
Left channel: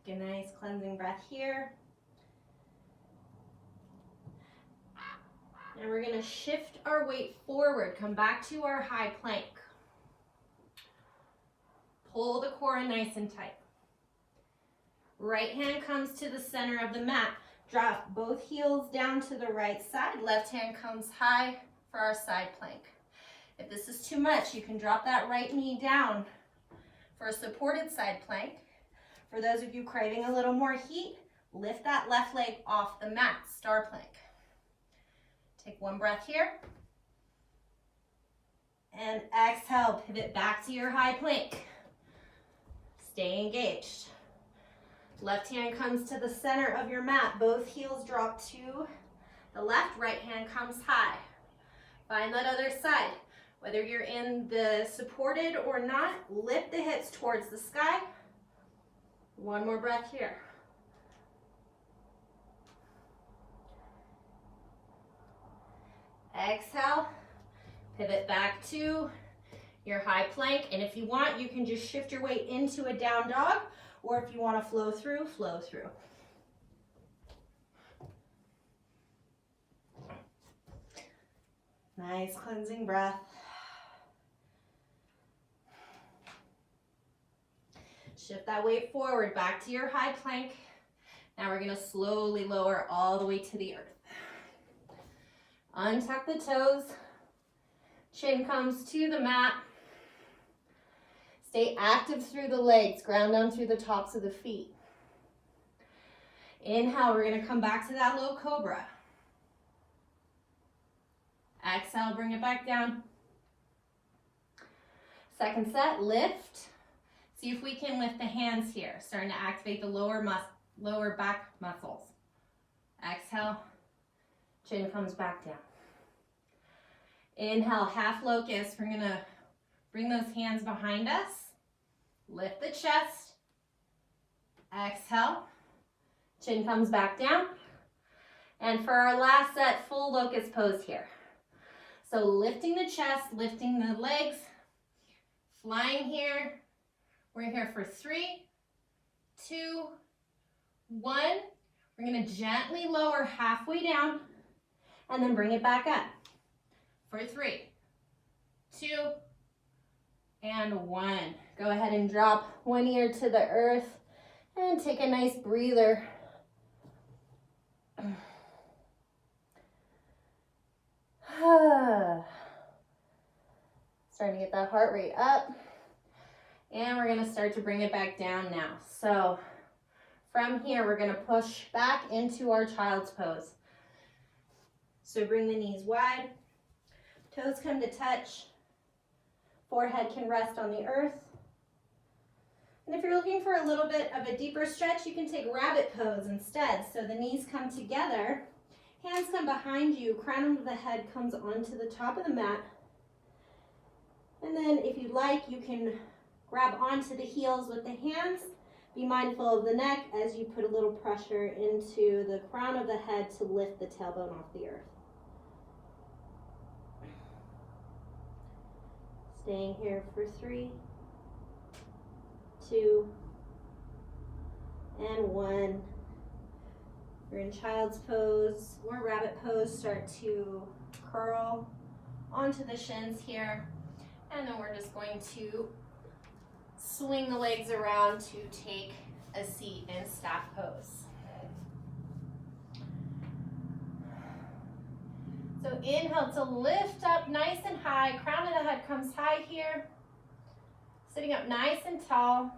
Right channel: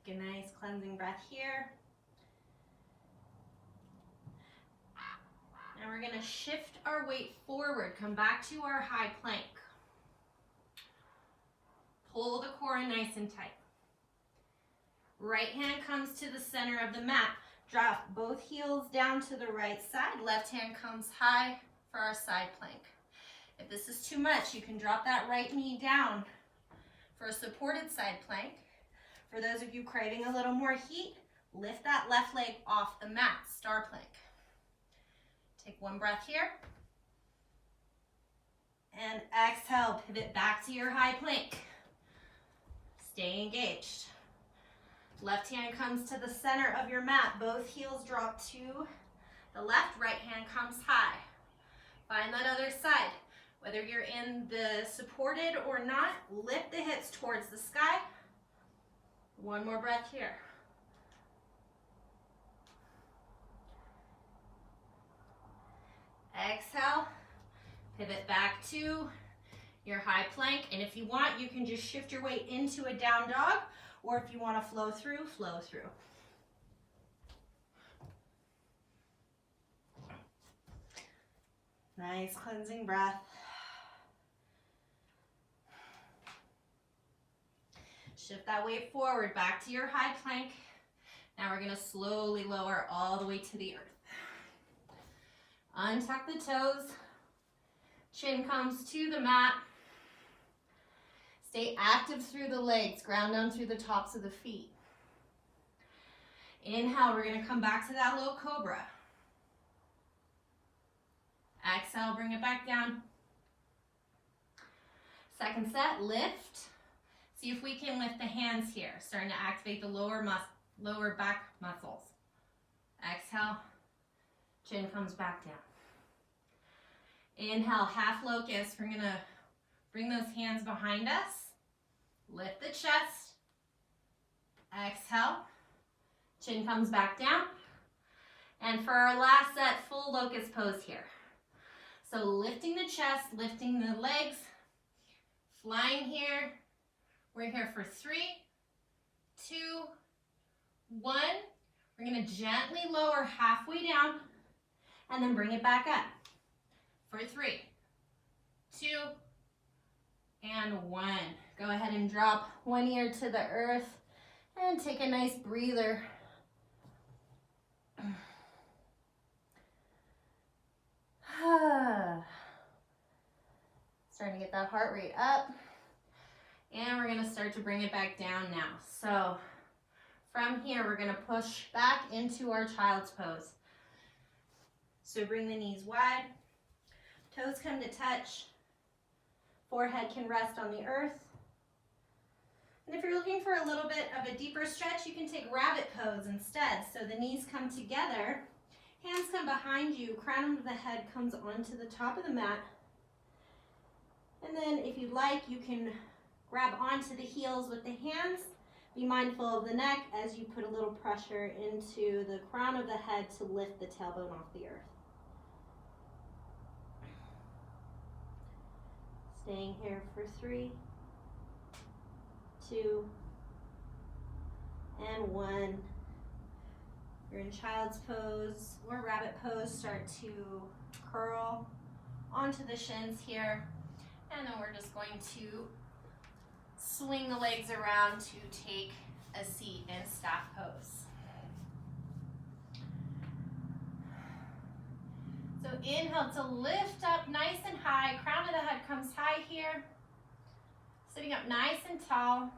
Take a nice cleansing breath here. And we're going to shift our weight forward. Come back to our high plank. Pull the core in nice and tight. Right hand comes to the center of the mat. Drop both heels down to the right side. Left hand comes high for our side plank. If this is too much, you can drop that right knee down for a supported side plank. For those of you craving a little more heat, lift that left leg off the mat, star plank. Take 1 breath here. And exhale, pivot back to your high plank. Stay engaged. Left hand comes to the center of your mat. Both heels drop to the left, right hand comes high. Find that other side. Whether you're in the supported or not, lift the hips towards the sky. 1 more breath here. Exhale, pivot back to your high plank. And if you want, you can just shift your weight into a down dog, or if you want to flow through, flow through. Nice cleansing breath. Shift that weight forward, back to your high plank. Now we're going to slowly lower all the way to the earth. Untuck the toes. Chin comes to the mat. Stay active through the legs. Ground down through the tops of the feet. Inhale, we're going to come back to that low cobra. Exhale, bring it back down. Second set, lift. See if we can lift the hands here. Starting to activate the lower back muscles. Exhale, chin comes back down. Inhale, half locust. We're going to bring those hands behind us. Lift the chest. Exhale, Chin comes back down. And for our last set, full locust pose here. So lifting the chest, lifting the legs, flying here. We're here for 3, 2, 1. We're going to gently lower halfway down and then bring it back up for 3, 2, and 1. Go ahead and drop one ear to the earth and take a nice breather. Starting to get that heart rate up. And we're going to start to bring it back down now. So from here, we're going to push back into our child's pose. So bring the knees wide. Toes come to touch. Forehead can rest on the earth. And if you're looking for a little bit of a deeper stretch, you can take rabbit pose instead. So the knees come together, hands come behind you, crown of the head comes onto the top of the mat. And then if you like, you can grab onto the heels with the hands. Be mindful of the neck as you put a little pressure into the crown of the head to lift the tailbone off the earth. Staying here for 3, 2, and 1. You're in child's pose or rabbit pose. Start to curl onto the shins here. And then we're just going to swing the legs around to take a seat in staff pose. So inhale to lift up nice and high. Crown of the head comes high here. Sitting up nice and tall.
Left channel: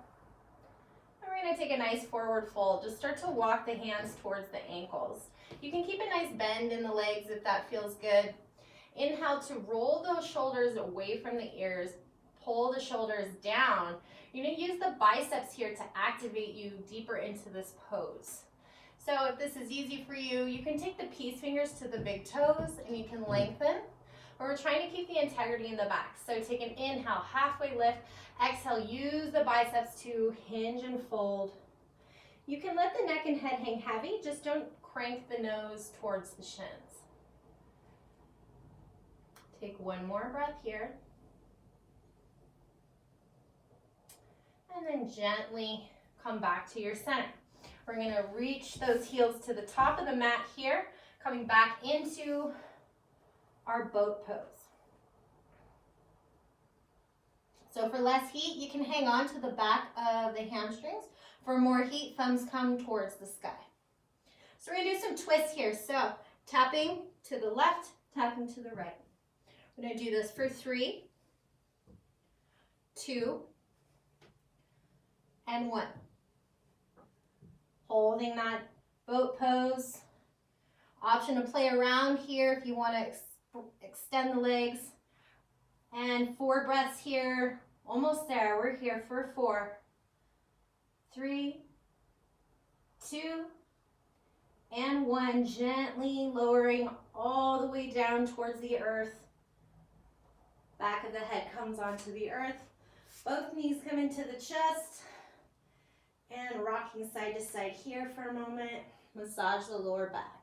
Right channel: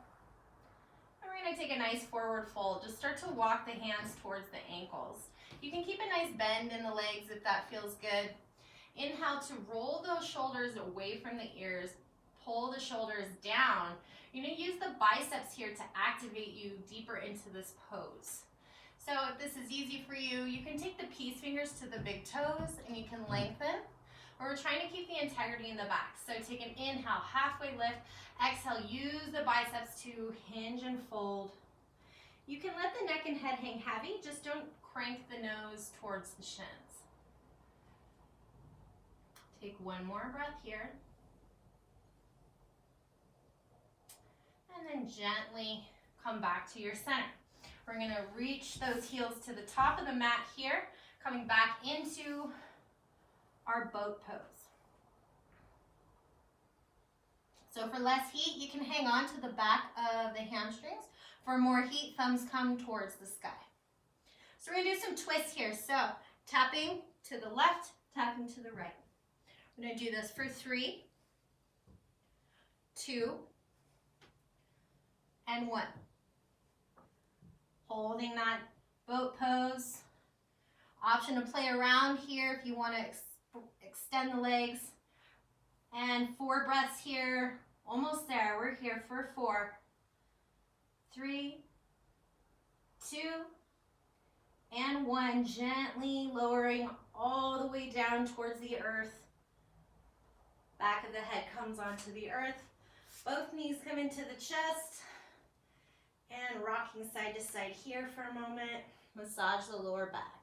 And we're going to take a nice forward fold. Just start to walk the hands towards the ankles. You can keep a nice bend in the legs if that feels good. Inhale to roll those shoulders away from the ears. Pull the shoulders down. You're going to use the biceps here to activate you deeper into this pose. So if this is easy for you, you can take the peace fingers to the big toes and you can lengthen. But we're trying to keep the integrity in the back. So take an inhale, halfway lift. Exhale, use the biceps to hinge and fold. You can let the neck and head hang heavy. Just don't crank the nose towards the shins. Take one more breath here. And then gently come back to your center. We're going to reach those heels to the top of the mat here, coming back into our boat pose. So for less heat, you can hang on to the back of the hamstrings. For more heat, thumbs come towards the sky. So we're going to do some twists here. So tapping to the left, tapping to the right. We're going to do this for 3, 2, and 1. Holding that boat pose. Option to play around here if you want to extend the legs. And 4 breaths here. Almost there. We're here for 4, 3, 2, and 1. Gently lowering all the way down towards the earth. Back of the head comes onto the earth. Both knees come into the chest. And rocking side to side here for a moment. Massage the lower back.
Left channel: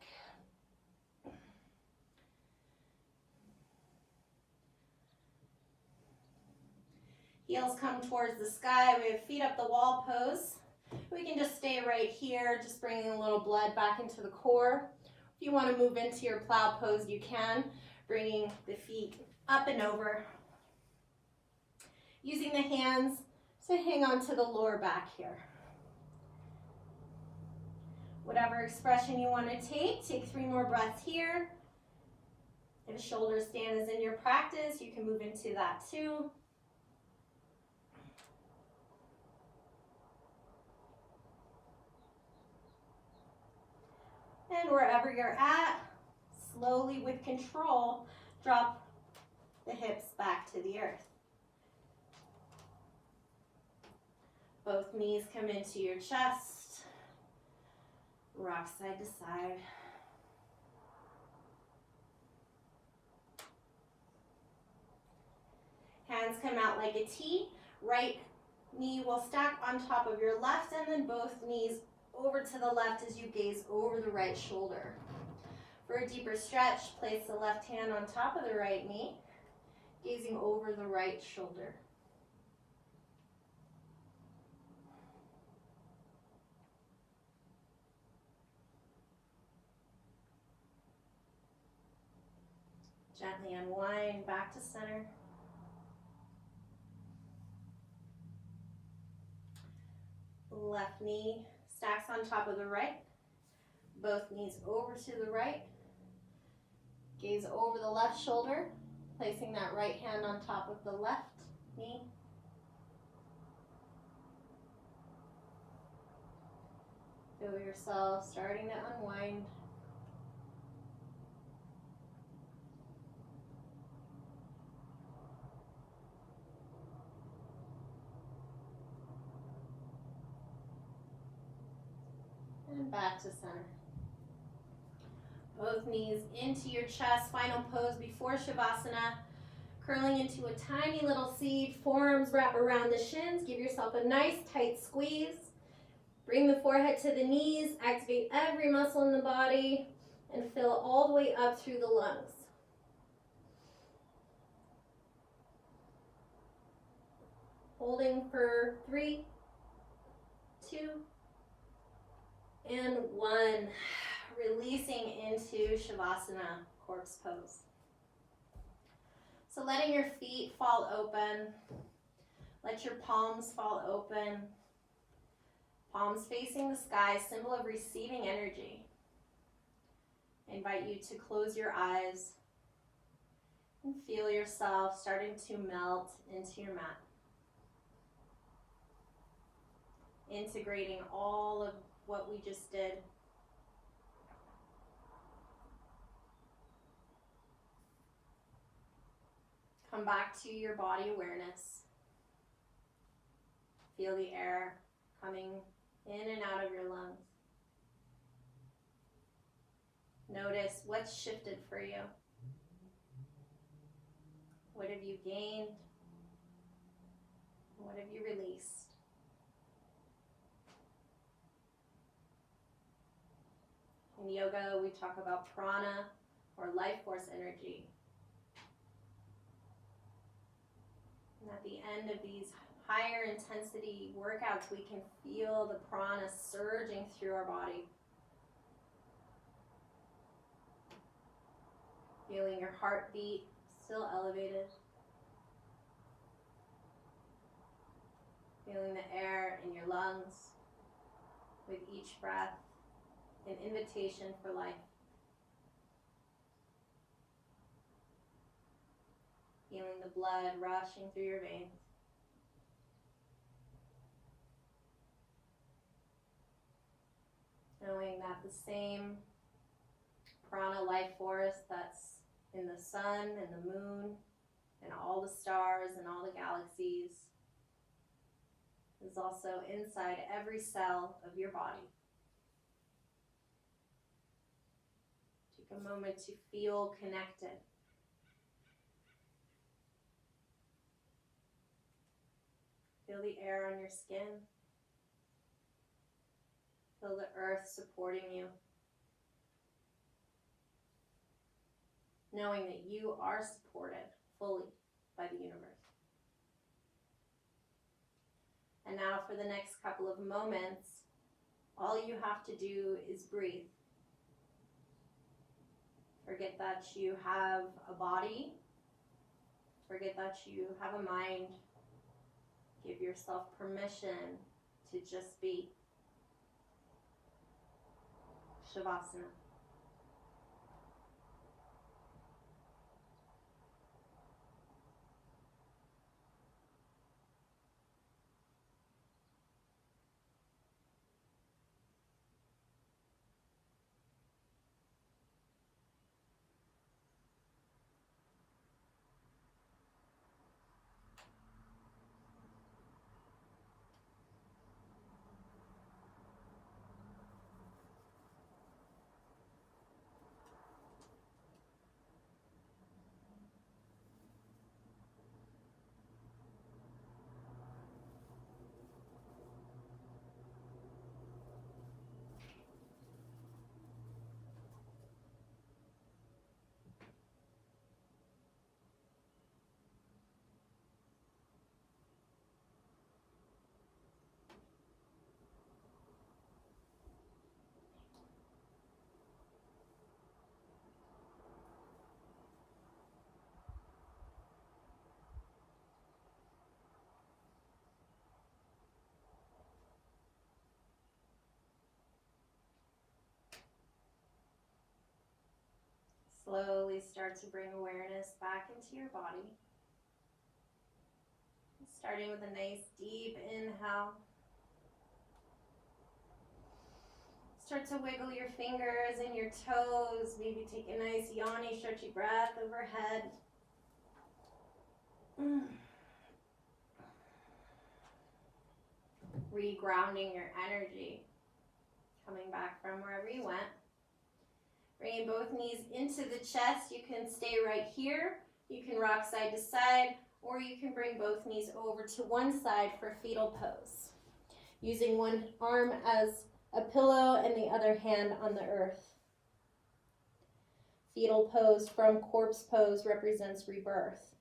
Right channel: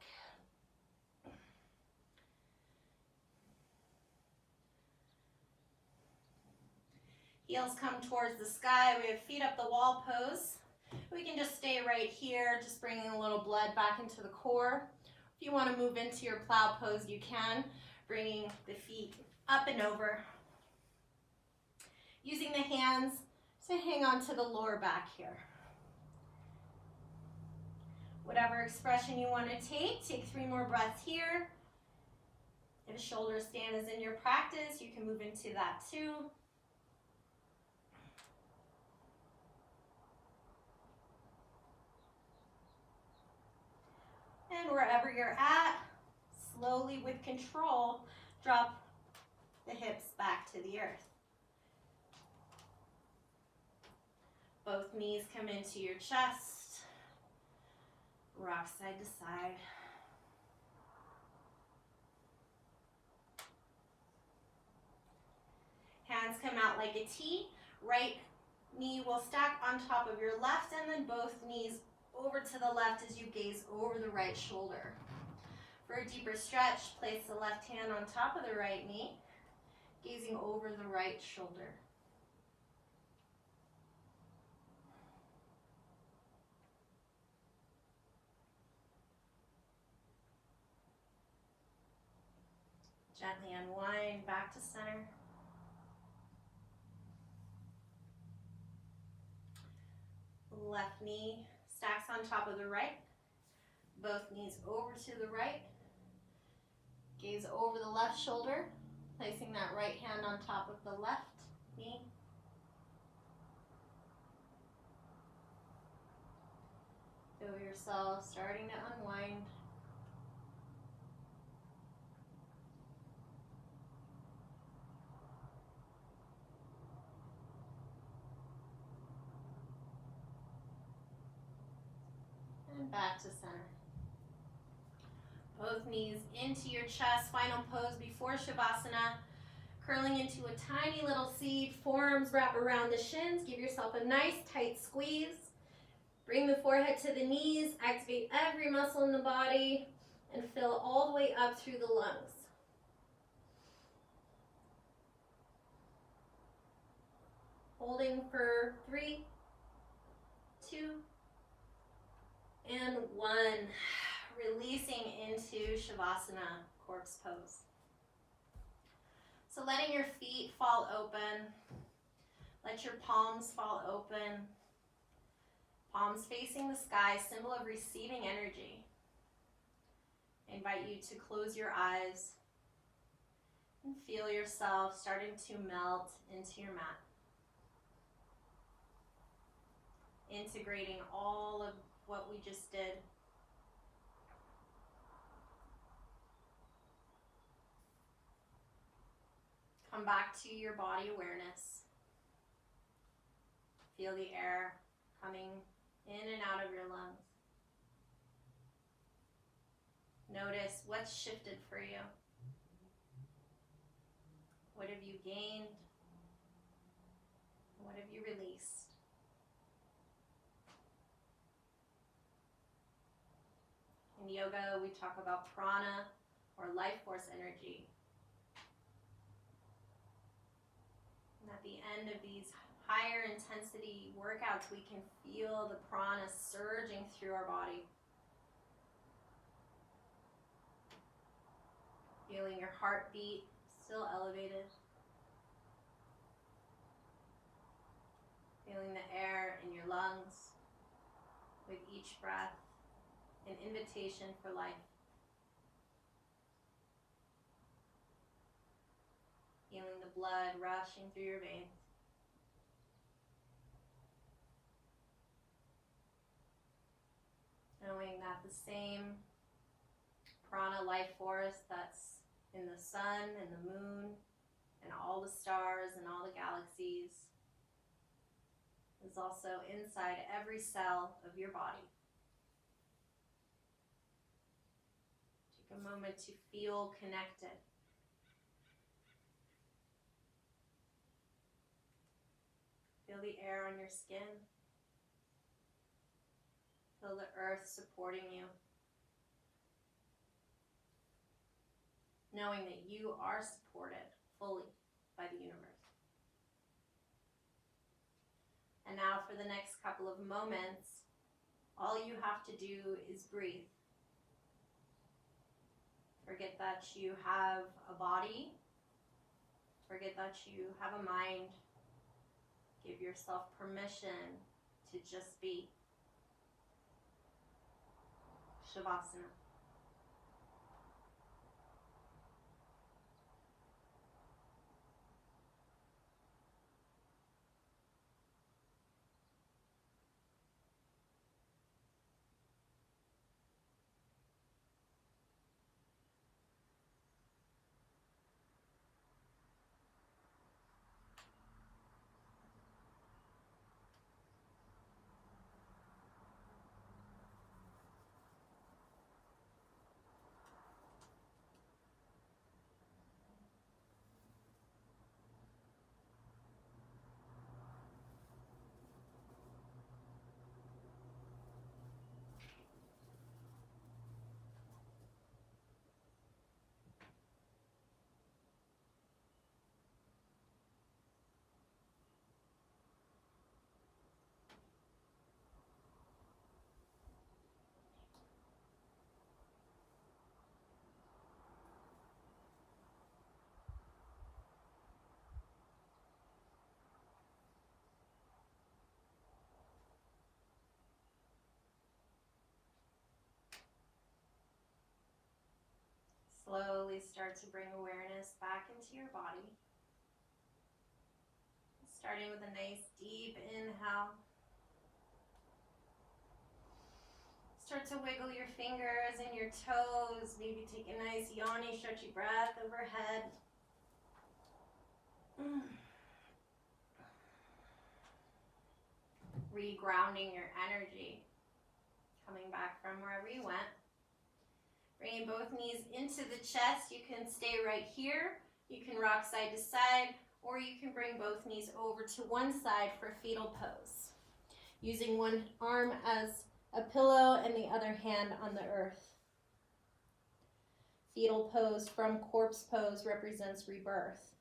Heels come towards the sky. We have feet up the wall pose. We can just stay right here, just bringing a little blood back into the core. If you want to move into your plow pose, you can, bringing the feet up and over. Using the hands to hang on to the lower back here. Whatever expression you want to take 3 more breaths here. If a shoulder stand is in your practice, you can move into that too. And wherever you're at, slowly with control, drop the hips back to the earth. Both knees come into your chest. Rock side to side. Hands come out like a T. Right knee will stack on top of your left, and then both knees over to the left as you gaze over the right shoulder. For a deeper stretch, place the left hand on top of the right knee, gazing over the right shoulder. Gently unwind back to center. Left knee stacks on top of the right. Both knees over to the right. Gaze over the left shoulder, placing that right hand on top of the left knee. Feel yourself starting to unwind. And back to center. Both knees into your chest. Final pose before Shavasana. Curling into a tiny little seed. Forearms wrap around the shins. Give yourself a nice tight squeeze. Bring the forehead to the knees. Activate every muscle in the body and fill all the way up through the lungs. Holding for 3, 2, and 1. Releasing into Shavasana, corpse pose. So letting your feet fall open. Let your palms fall open. Palms facing the sky, symbol of receiving energy. I invite you to close your eyes and feel yourself starting to melt into your mat. Integrating all of what we just did. Come back to your body awareness. Feel the air coming in and out of your lungs. Notice what's shifted for you. What have you gained? What have you released? In yoga, we talk about prana, or life force energy. And at the end of these higher intensity workouts, we can feel the prana surging through our body. Feeling your heartbeat still elevated. Feeling the air in your lungs with each breath, an invitation for life. Feeling the blood rushing through your veins. Knowing that the same prana life force that's in the sun and the moon and all the stars and all the galaxies is also inside every cell of your body. Take a moment to feel connected. Feel the air on your skin. Feel the earth supporting you. Knowing that you are supported fully by the universe. And now for the next couple of moments, all you have to do is breathe. Forget that you have a body. Forget that you have a mind. Give yourself permission to just be. Shavasana. slowly start to bring awareness back into your body. Starting with a nice deep inhale. Start to wiggle your fingers and your toes. Maybe take a nice yawny, stretchy breath overhead. Regrounding your energy. Coming back from wherever you went. Bringing both knees into the chest. You can stay right here. You can rock side to side, or you can bring both knees over to one side for fetal pose. Using one arm as a pillow and the other hand on the earth. Fetal pose from corpse pose represents rebirth.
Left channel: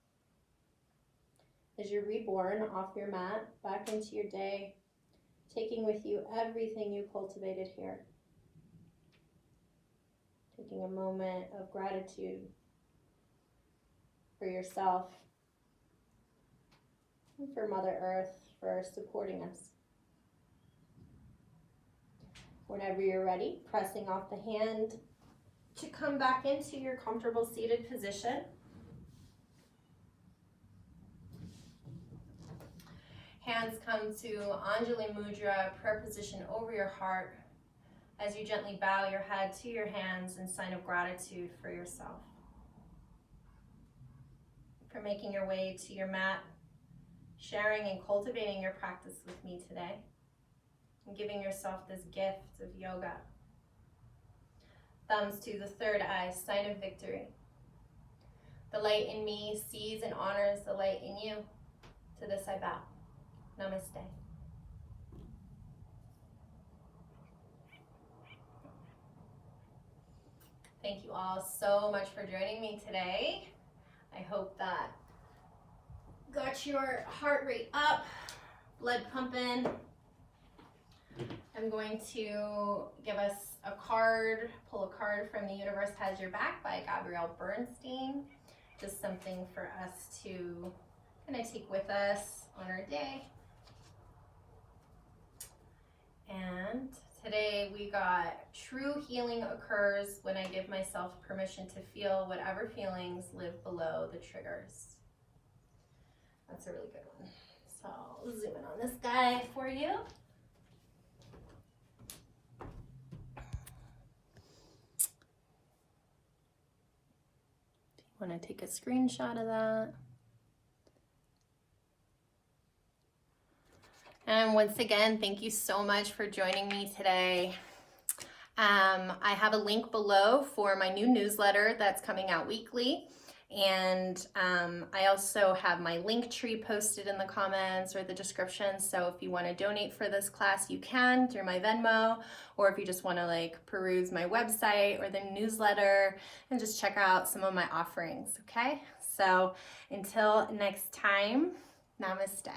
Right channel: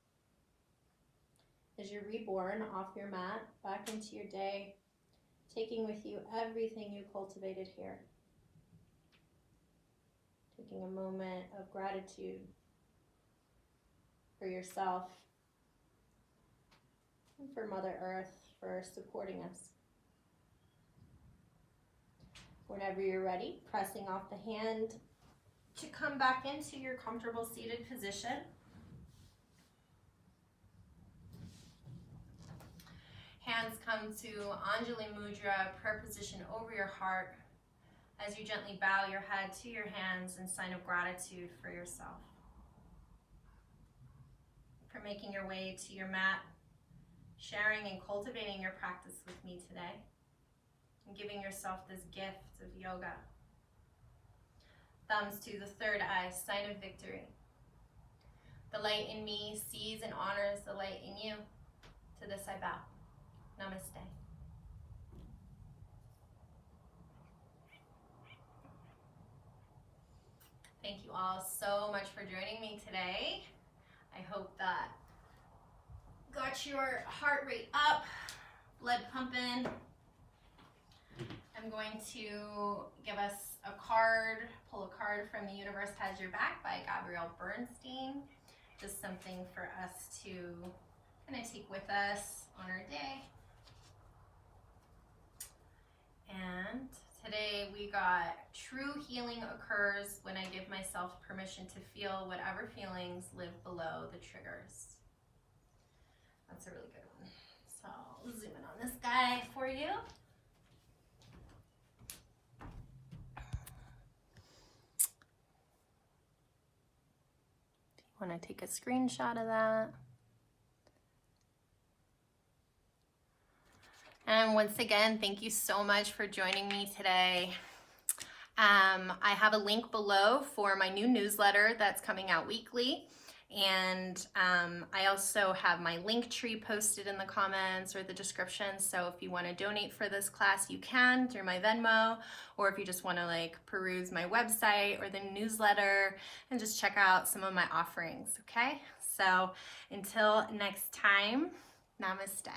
As you're reborn off your mat, back into your day, taking with you everything you cultivated here. Taking a moment of gratitude for yourself and for Mother Earth for supporting us. Whenever you're ready, pressing off the hand to come back into your comfortable seated position. Hands come to Anjali Mudra, prayer position over your heart as you gently bow your head to your hands in sign of gratitude for yourself. For making your way to your mat, sharing and cultivating your practice with me today, and giving yourself this gift of yoga. Thumbs to the third eye, sign of victory. The light in me sees and honors the light in you. To this I bow. Namaste. Thank you all so much for joining me today. I hope that got your heart rate up, blood pumping. I'm going to give us a card, pull a card from The Universe Has Your Back by Gabrielle Bernstein. Just something for us to kind of take with us on our day. And today we got true healing occurs when I give myself permission to feel whatever feelings live below the triggers. That's a really good one. So I'll zoom in on this guy for you. Want to take a screenshot of that. And once again, thank you so much for joining me today. I have a link below for my new newsletter that's coming out weekly. And I also have my link tree posted in the comments or the description. So if you want to donate for this class, you can through my Venmo, or if you just want to like peruse my website or the newsletter and just check out some of my offerings, okay? So until next time, namaste.